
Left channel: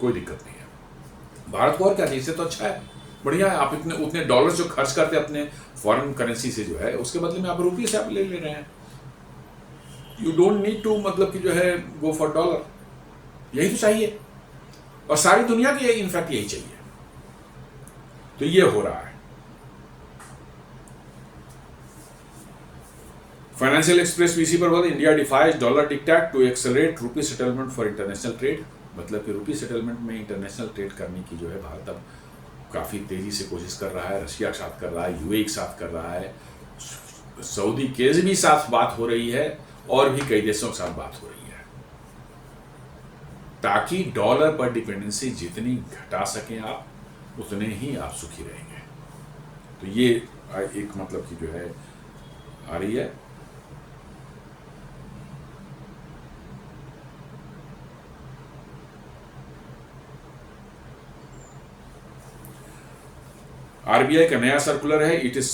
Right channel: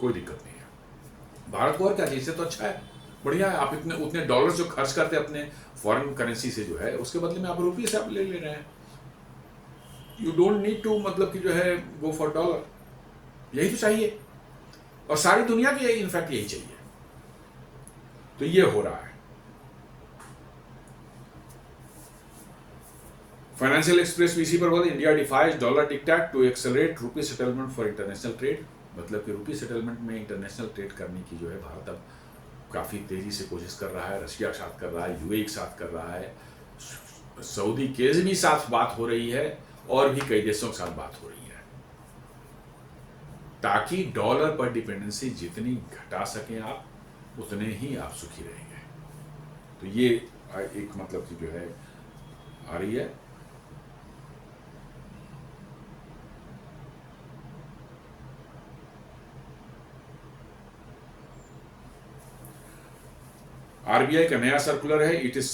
कोई दिक्कत नहीं है. भारत को और क्या चाहिए? इससे तो अच्छा है, बढ़िया है. आप उतने डॉलर जो खर्च करते हैं अपने फॉरेन करेंसी से जो है, उसके बदले में आप रूपी से आप ले रहे हैं. यू डोंट नीड टू मतलब कि जो है गो फॉर डॉलर. यही तो चाहिए और सारी दुनिया की इनफैक्ट यही चाहिए. तो ये हो रहा है. फाइनेंशियल एक्सप्रेस भी इसी पर बोला, India defies dollar dictate to accelerate rupee settlement for international trade. मतलब कि रूपी सेटलमेंट में इंटरनेशनल ट्रेड करने की जो है भारत अब काफ़ी तेज़ी से कोशिश कर रहा है. रशिया के साथ कर रहा है, यूएई के साथ कर रहा है, सऊदी के भी साथ बात हो रही है और भी कई देशों के साथ बात हो रही है. ताकि डॉलर पर डिपेंडेंसी जितनी घटा सकें आप, उतने ही आप सुखी रहेंगे। तो ये एक मतलब की जो है आ रही है। आरबीआई का नया सर्कुलर है। It is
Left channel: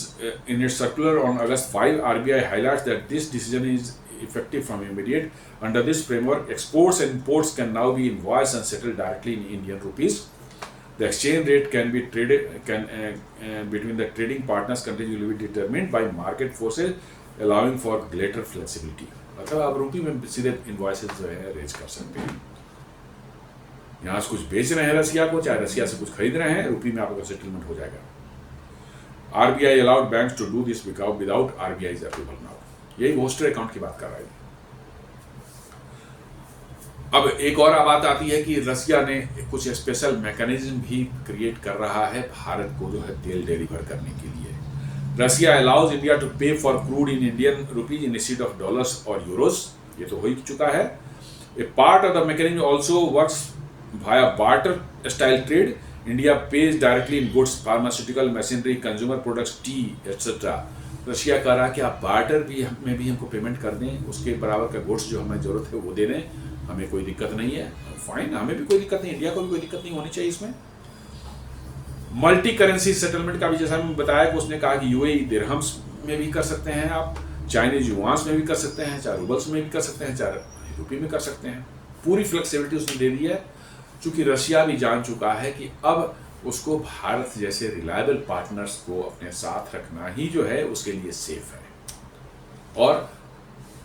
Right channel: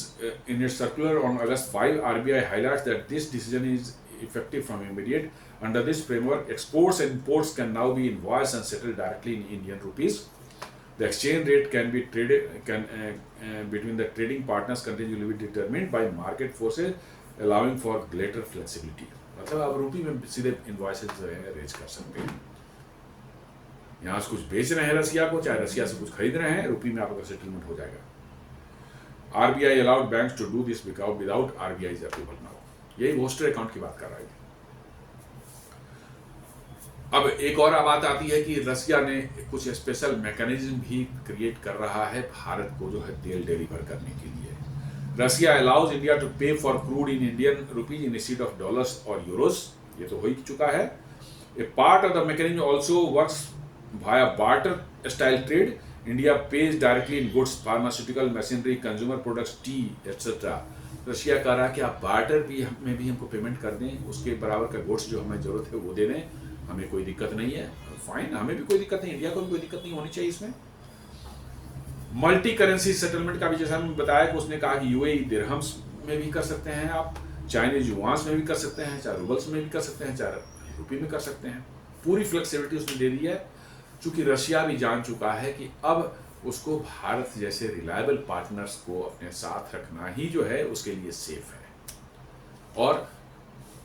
in its circular on August 5, RBI highlights that this decision is effective from immediate. Under this framework, exports and imports can now be invoiced and settled directly in Indian rupees. The exchange rate can be between the trading partners continue to be determined by market forces, allowing for greater flexibility. मतलब आप रुपये में सीधे invoices जो है raise कर सकते हैं। यहाँ से कुछ बेच रहे हैं रसिया को, चाहे रसिया से कुछ खरीद रहे हैं, रुपये में आपका सेटलमेंट हो जाएगा। RBI allowed banks to do this without RBI's approval now. यही वोस्टर अकाउंट की बात कर रहा है। अब एक और बात आती है कि रसिया ने कुछ स्पेशल मैकेनिज्म भी क्रिएट कर रहा है भारत को जो है तेल डिलीवर करने के लिए। Russia allows India to pay for crude in Indian rupees instead of dollars और यूरोस। ये तो हो ही चुका है। A part of the mechanism also works via barter style trade. India pays directly in goods, pharmaceutical, machinery, consumer products, tea etcetera. Russia कह रहा है कि आप बार्टर भी में भी हमको पेमेंट कर दें, उसके बराबर का गुड्स जो हमें जरूरत है वो दे दें, हमें कोई दिक्कत नहीं है। फाइन, हमें भी कोई दिक्कत नहीं, इंडिया को भी कोई दिक्कत नहीं होनी चाहिए इसमें। मल्टी करेंसी सेटलमेंट का भी जैसा हमने बताया कि उसने कहा कि यूएई दिरहम्स में भी कर सकते हैं आप, चाइनीज युआंस में भी कर सकते हैं, चाहे रूबल्स में भी कर सकते हैं, चाहे रुपये में कर सकते हैं। पूरी फ्लेक्सिबिलिटी उसने दे दी है, चूंकि रशिया भी जान चुका है कि अब उसको भारत जैसे रिलायबल पार्टनर्स को अपने साथ रखना ही जो है उसके लिए सेफ है। और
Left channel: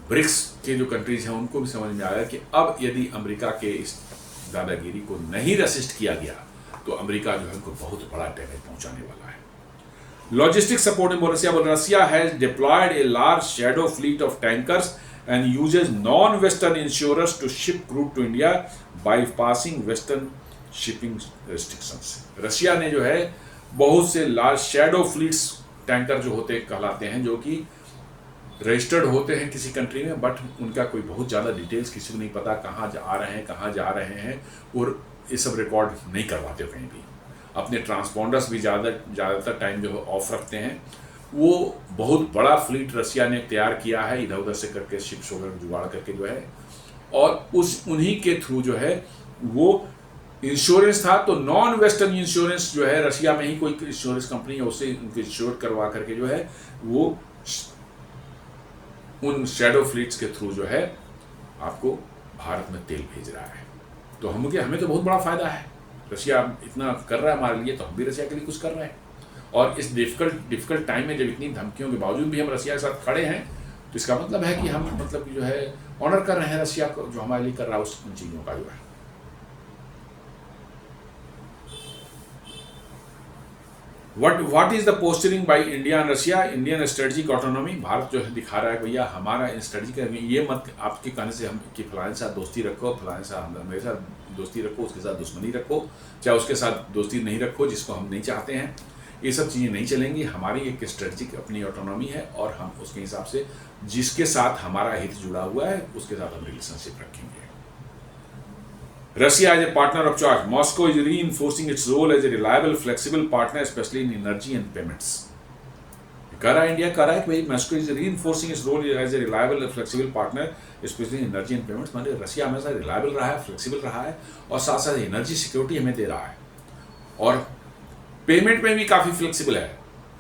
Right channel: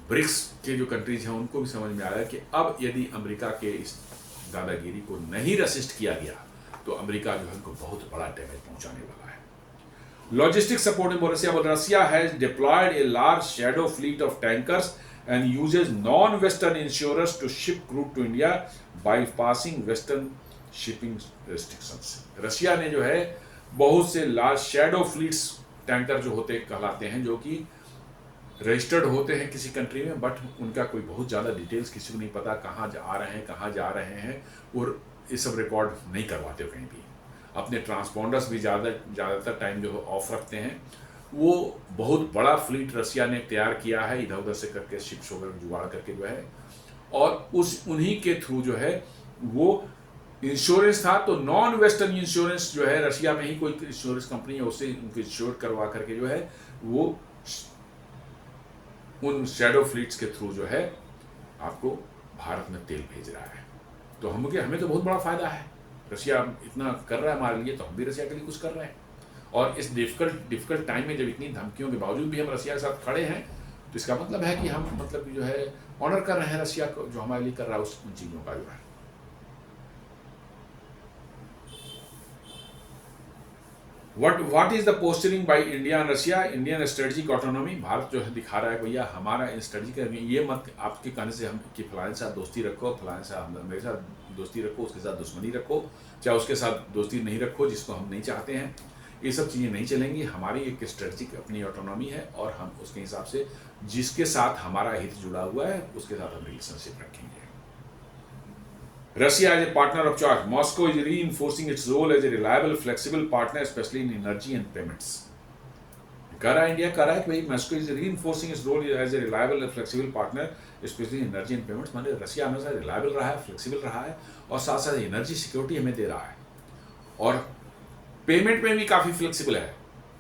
ब्रिक्स के जो कंट्रीज हैं उनको भी समझ में आया कि अब यदि अमेरिका के इस दादागिरी को नहीं रेसिस्ट किया गया तो अमेरिका जो है उनको बहुत बड़ा डैमेज पहुंचाने वाला है। लॉजिस्टिक सपोर्ट में Russia has deployed a large shadow fleet of tankers and uses non-Western insurers to ship crude to India bypassing Western shipping restrictions. Russia ने जो है बहुत से लार्ज शैडो फ्लीट्स टैंकर जो होते कहलाते हैं, जो कि रजिस्टर्ड होते हैं किसी कंट्री में, बट उनका कोई बहुत ज़्यादा डिटेल्स किसी को नहीं पता, कहाँ आ रहे हैं, कहाँ जा रहे हैं, और ये सब रिकॉर्ड नहीं करवाते कहीं भी। अपने ट्रांसपोंडर्स भी ज़्यादातर टाइम जो है ऑफ रखते हैं। वो बहुत बड़ा फ्लीट रसिया ने तैयार किया है इधर उधर से करके, शिप्स वगैरह जुगाड़ करके जो है, और उन्हीं के थ्रू जो है वो इंश्योरेंस था। तो नॉन वेस्टर्न इंश्योरेंस जो है, रसिया में ही कोई इंश्योरेंस कंपनी है, उससे उनको इंश्योर करवा करके जो है वो उन शैडो फ्लीट्स के थ्रू जो है आपको भारत में तेल भेज रहा है। तो हमें तो बहुत बड़ा फायदा है। रसिया इतना कर रहा है हमारे लिए, तो हम भी रसिया के लिए कुछ कर रहे हैं। और इस डिफिकल्ट टाइम में जब इतनी धमकियों के बावजूद भी हम रसिया के साथ खड़े हैं, तो इसका मतलब है कि हम मतलब जो है ऑनर कर रहे हैं रसिया को, जो हमारे लिए कर रहा है उन चीज़ों का जो है। What is the posturing by India and Russia? Indian strategic autonomy। Bharat जो है दिखा रहा है भैया हमारा स्ट्रेटजी का, ये मत आपके कहने से हम कि फलाने साथ दोस्ती रखो, फलाने साथ मेरे साथ दोस्ती रखो, उसके साथ दुश्मनी रखो, चाहे उसके साथ दोस्ती नहीं रखो जिसको हम नहीं चाहते हैं। ये सब चीज़ें नहीं चलेंगी। हमारी एक स्ट्रेटजिक अपनी ऑटोनॉमी है और हम उसके हिसाब से जिसके साथ हमारा हित जुड़ा हुआ है उसके साथ हम रिलेशनशिप रखेंगे। Russia as a partner of choice. Moscow is reinforcing its role as a reliable, flexible partner, especially in energy and payments. India कह रहा है कि भाई Moscow is reinforcing its role as a reliable flexible partner specially in energy and payments. मतलब Russia हमेशा reliable रहा है, flexible रहा है, और साथ साथ एनर्जी सिक्योरिटी हमें दे रहा है, और पेमेंट में भी काफ़ी फ्लेक्सिबल है।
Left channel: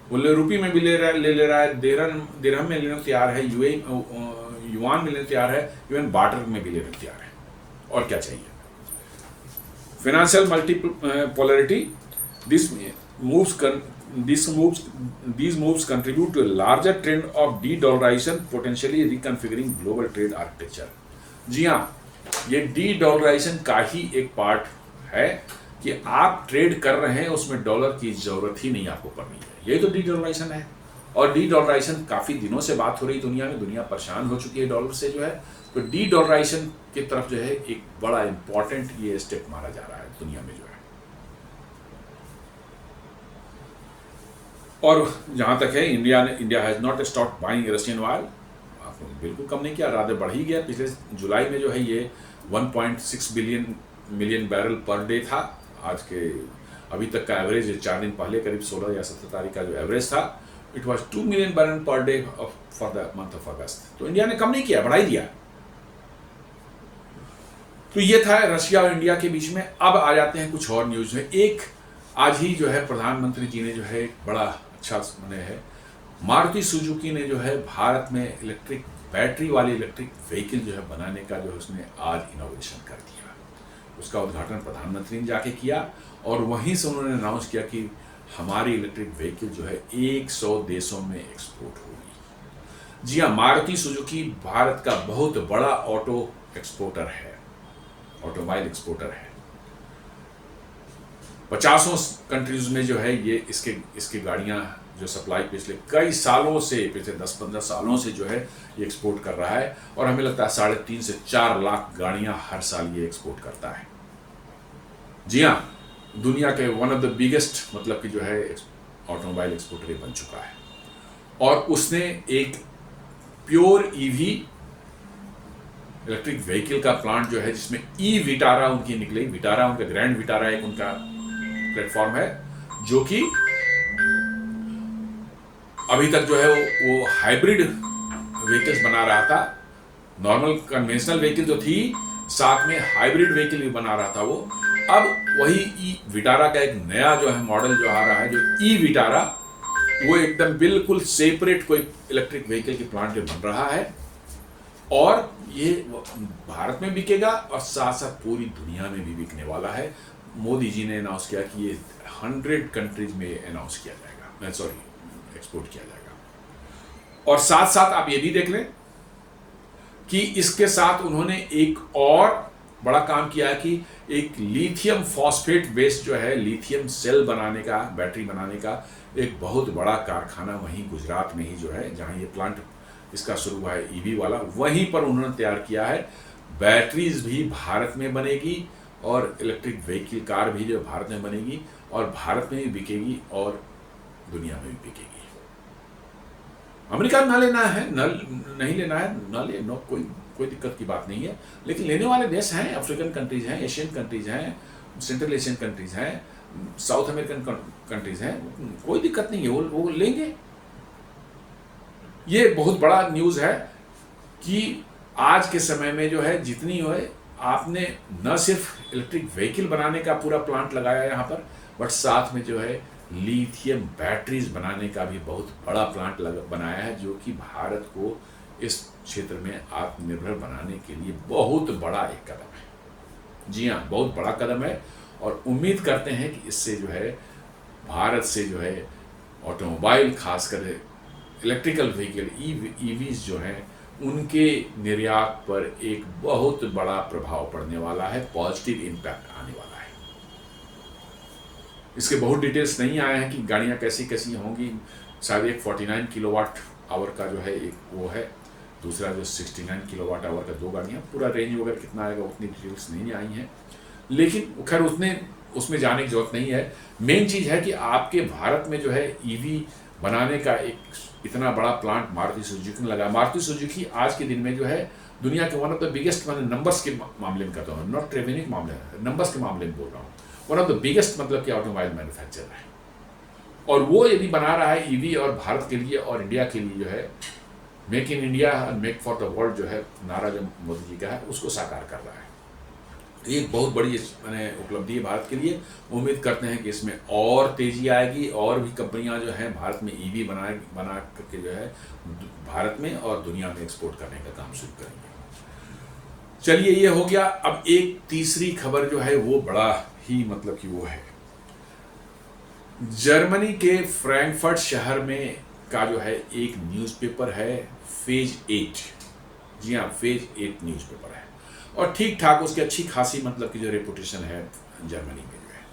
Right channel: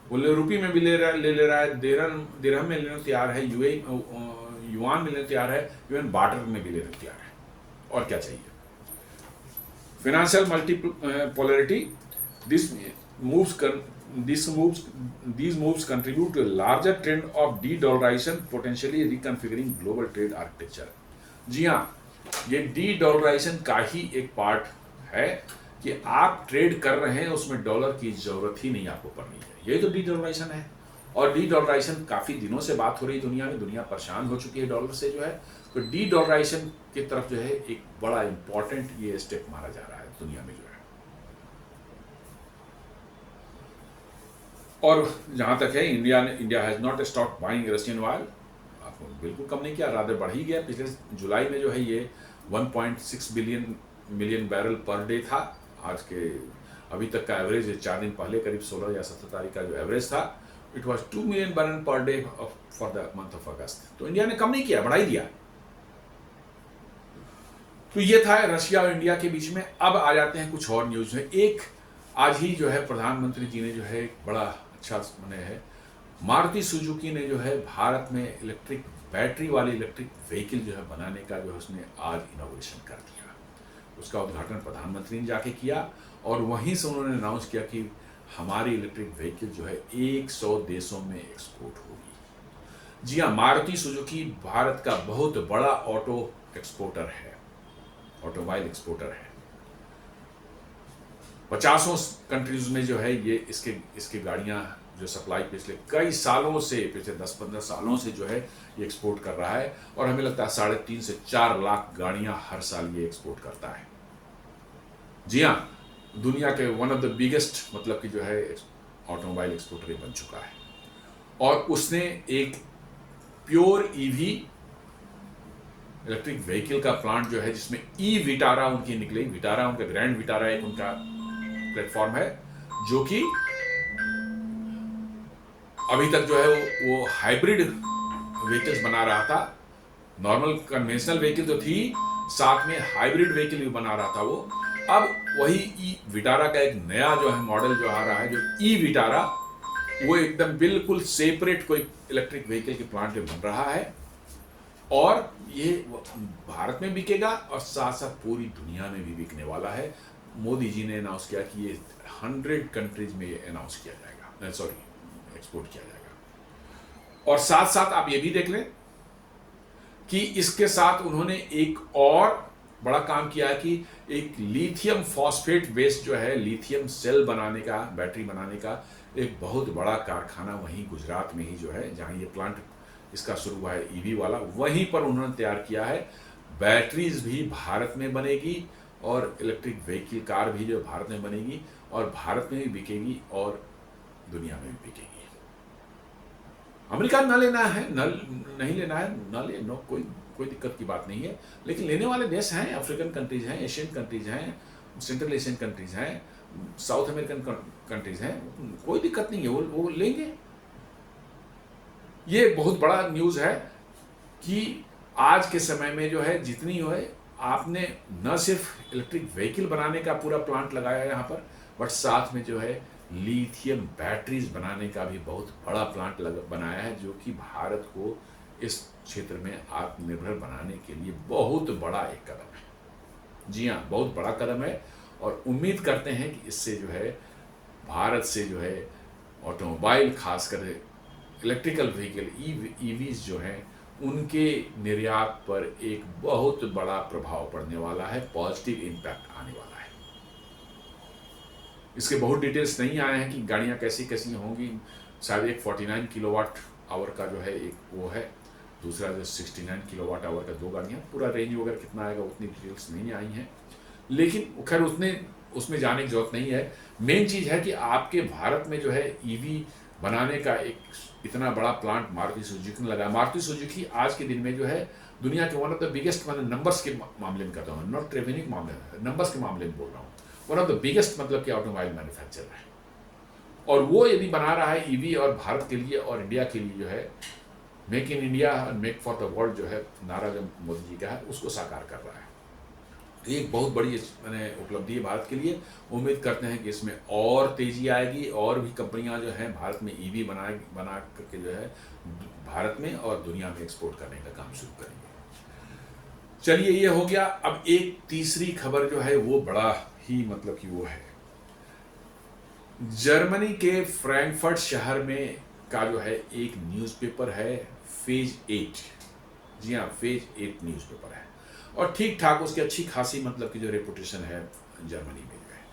वो रुपये में भी ले रहा है, दिरहम में लेने को तैयार है, युआन में लेने को तैयार है, इवन बार्टर में भी लेने को तैयार है। और क्या चाहिए? Financial multipolarity. These moves contribute to a larger trend of de-dollarization, potentially reconfiguring global trade architecture. जी हाँ, ये de-dollarization का ही एक पार्ट है कि आप ट्रेड कर रहे हैं उसमें डॉलर की जरूरत ही नहीं आपको पड़ रही है। ये तो de-dollarization है, और de-dollarization काफ़ी दिनों से बात हो रही दुनिया में, दुनिया परेशान हो चुकी है डॉलर से जो है। तो de-dollarization की तरफ जो है एक बड़ा इंपॉर्टेंट ये स्टेप मारा जा रहा है दुनिया में जो है। और जहाँ तक है India has not stop buying Russian oil. आपको बिल्कुल कम नहीं किया, राधे बढ़ ही गया। पिछले जुलाई में जो है ये 1.6 billion million barrel per day था। आज के अभी तक का एवरेज 4 दिन पहले करीब 16 या 17 तारीख का जो एवरेज था, it was 2 million barrel per day for the month of अगस्त। तो इंडिया ने कम नहीं किया, बढ़ा ही दिया। तो ये था रशिया और इंडिया के बीच में। अब आ जाते हैं कुछ और न्यूज में। एक आज ही जो है प्रधानमंत्री जी ने जो है एक बड़ा अच्छा मैंने है, मारुति सुजुकी ने जो है भारत में इलेक्ट्रिक बैटरी वाले इलेक्ट्रिक व्हीकल जो है बनाने का जो है उसने आज इनोवेशन कर दिया। उसका उद्घाटन प्रधानमंत्री ने जाके किया और वहीं से उन्होंने अनाउंस किया कि हमारी इलेक्ट्रिक व्हीकल जो है 100 देशों में एक्सपोर्ट होगी। जी हाँ, मारुति सुजुकी भारत का बहुत बड़ा ऑटो एक्सपोर्टर है, ऑटोमोबाइल एक्सपोर्टर है। 50 कंट्रीज में जो है ये इसकी गाड़ियां जो सप्लाई पिछले कई सालों से, पिछले 10-15 सालों से जो है ये एक्सपोर्ट कर रहा है और हमें लगता है 3.5 से 4 लाख गाड़ियां हर साल ये एक्सपोर्ट करता है। जी हाँ, दुनिया के वन ऑफ द बिगेस्ट मतलब कि जो है ऑटोमोबाइल एक्सपोर्टर बन चुका है। और उसने एक प्योर ईवी इलेक्ट्रिक व्हीकल का प्लांट जो है जिसमें ई विटारा उनकी निकली, विटारा उनका ग्रैंड विटारा एक उनका प्लेटफॉर्म है जो कि अभी तक जो है वो हाइब्रिड व्हीकल्स बना रहा था। नॉर्मल कन्वेंशनल व्हीकल जो थी, साथ में हाइब्रिड व्हीकल भी बना रहा था वो। अब वही ई विटारा का एक नया जो है मॉडल जो आ रहा है, जो ई विटारा, वो एकदम बिल्कुल सेपरेट कोई इलेक्ट्रिक व्हीकल की प्लांट बन रहा है और ये भारत में बिकेगा और साथ साथ पूरी दुनिया में भी बिकने वाला है। मोदी जी ने अनाउंस किया कि ये 100 कंट्रीज में अनाउंस किया जाएगा, एक्सपोर्ट किया जाएगा। और साथ साथ आप ये भी देख लें कि इसके साथ उन्होंने एक और बड़ा काम किया है कि एक लिथियम फॉस्फेट बेस्ड जो है लिथियम सेल बनाने का, बैटरी बनाने का एक बहुत बड़ा कारखाना वहीं गुजरात में ही जो है, जहां ये प्लांट इसका शुरू हुआ है ईवी वाला, वहीं पर उन्होंने तैयार किया है। बैटरीज भी भारत में बनेगी और इलेक्ट्रिक व्हीकल कार भी जो भारत में बनेगी और भारत में भी बिकेगी और दुनिया में भी बिकेगी। अमेरिका ना लेना है, नहीं लेना है, ना ले, नो, कोई दिक्कत की बात नहीं है। लेकिन लेने वाले देश हैं, अफ्रीकन कंट्रीज हैं, एशियन कंट्रीज हैं, सेंट्रल एशियन कंट्रीज हैं, साउथ अमेरिकन कंट्रीज हैं, कोई दिक्कत नहीं है, वो लेंगे। ये बहुत बड़ा न्यूज़ है कि आज के समय में जो है जितनी हो है, आपने न सिर्फ इलेक्ट्रिक व्हीकल बनाने का पूरा प्लांट लगाया यहाँ पर, बट साथ में जो है लिथियम बैटरीज बनाने का भी बहुत बड़ा प्लांट बनाया है, जो कि भारत को इस क्षेत्र में आत्मनिर्भर बनाने के लिए बहुत बड़ा एक कदम है। जी हाँ, बहुत बड़ा कदम है और उम्मीद करते हैं कि इससे जो है भारत से जो है ऑटोमोबाइल, खासकर इलेक्ट्रिकल व्हीकल ईवीज जो हैं, उनके निर्यात पर एक बहुत बड़ा प्रभाव पड़ने वाला है, पॉजिटिव इम्पैक्ट आने वाला है। इसके बहुत डिटेल्स नहीं आए हैं कि गाड़ियाँ कैसी कैसी होंगी। शायद एक 49 किलोवाट आवर का जो है एक वो है, दूसरा जो 69 किलोवाट आवर का 2 गाड़ियाँ, पूरा रेंज वगैरह कितना आएगा उतनी डिटेल्स नहीं आई हैं। लेकिन खैर उसमें जाने की जरूरत नहीं है। मेन चीज़ है कि आपके भारत में जो है ईवी बनाने का एक इतना बड़ा प्लांट मारुति सुजुकी ने लगाया। मारुति सुजुकी आज के दिन में जो है दुनिया के वन ऑफ द बिगेस्ट, मैंने नंबर्स के मामले में कहता हूँ, नॉट रेवेन्यू मामले, नंबर्स के मामले में बोल रहा हूँ, वन ऑफ द बिगेस्ट मतलब कि ऑटोमोबाइल मैन्युफैक्चरर है। और वो यदि बना रहा है ईवी और भारत के लिए और इंडिया के लिए जो है make in India and make for the world जो है नारा जो मोदी जी का है, उसको साकार कर रहा है। ये एक बहुत बड़ी उपलब्धि है भारत के लिए। उम्मीद करते हैं कि इसमें और तेजी आएगी और भी कंपनियां जो हैं भारत में ईवी बना करके जो है भारत में और दुनिया में एक्सपोर्ट करने का काम शुरू करेंगे। चलिए, ये हो गया। अब एक तीसरी खबर जो है वो बड़ा ही मतलब कि वो है जर्मनी के फ्रैंकफर्ट शहर में का जो है एक न्यूज़पेपर है फेज 8। जी हाँ, फेज 8 न्यूज़पेपर है और ठीक ठाक उसकी अच्छी खासी मतलब की जो रेपुटेशन है जर्मनी में जो है,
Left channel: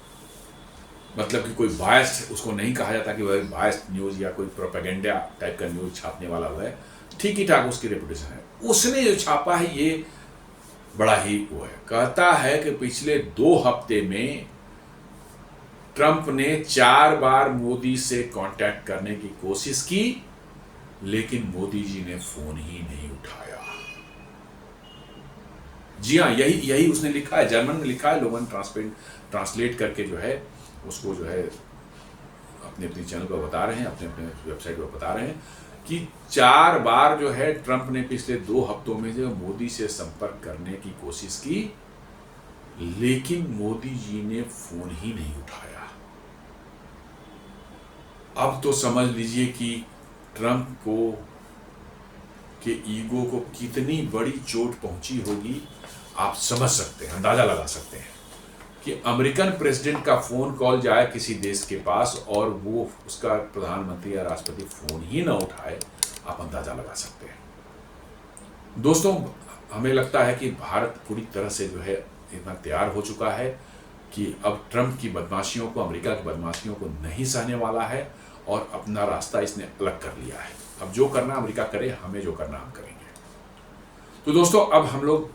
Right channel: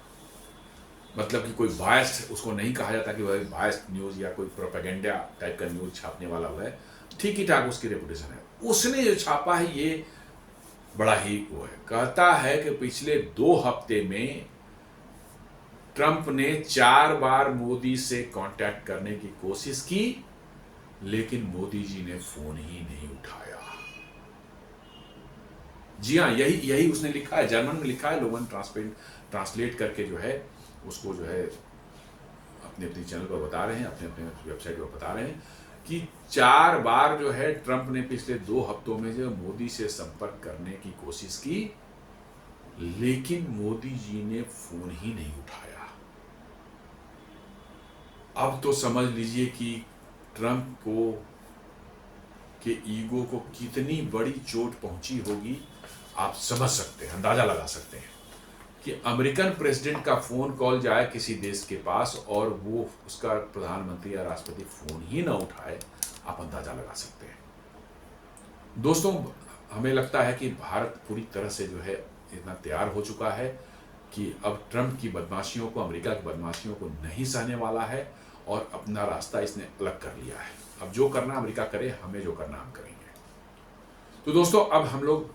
मतलब कि कोई बायस्ड उसको नहीं कहा जाता कि वह बायस्ड न्यूज़ या कोई प्रोपेगेंडा टाइप का न्यूज़ छापने वाला हुआ है। ठीक ही ठाक उसकी रेपुटेशन है। उसने जो छापा है ये बड़ा ही वो है। कहता है कि पिछले 2 हफ्ते में ट्रंप ने 4 बार मोदी से कांटेक्ट करने की कोशिश की, लेकिन मोदी जी ने फोन ही नहीं उठाया। जी हाँ, यही उसने लिखा है, जर्मन में लिखा है, लोगों ने ट्रांसलेट करके जो है उसको जो है अपने अपने चैनल पर बता रहे हैं, अपने अपने वेबसाइट पर बता रहे हैं कि 4 बार जो है ट्रंप ने पिछले 2 हफ्तों में जो मोदी से संपर्क करने की कोशिश की, लेकिन मोदी जी ने फोन ही नहीं उठाया। अब तो समझ लीजिए कि ट्रंप के ईगो को कितनी बड़ी चोट पहुंची होगी, आप समझ सकते हैं, अंदाजा लगा सकते हैं कि अमेरिकन प्रेसिडेंट का फोन कॉल जाए किसी देश के पास और वो उसका प्रधानमंत्री या राष्ट्रपति फोन ही ना उठाए, आप अंदाजा लगा सकते हैं। दोस्तों, हमें लगता है कि भारत पूरी तरह से जो है इतना तैयार हो चुका है कि अब ट्रंप की बदमाशियों को, अमेरिका की बदमाशियों को नहीं सहने वाला है और अपना रास्ता इसने अलग कर लिया है। अब जो करना अमेरिका करे, हमें जो करना हम करेंगे। तो दोस्तों, अब हम लोग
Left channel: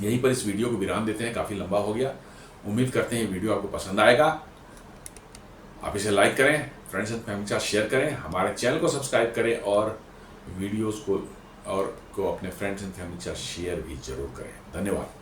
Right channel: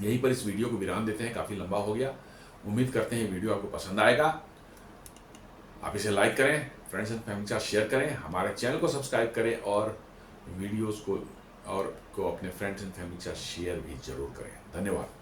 यहीं पर इस वीडियो को विराम देते हैं, काफ़ी लंबा हो गया। उम्मीद करते हैं वीडियो आपको पसंद आएगा। आप इसे लाइक करें, फ्रेंड्स एंड फैमिली के साथ शेयर करें, हमारे चैनल को सब्सक्राइब करें और वीडियोस को अपने फ्रेंड्स एंड फैमिली के साथ शेयर भी जरूर करें। धन्यवाद।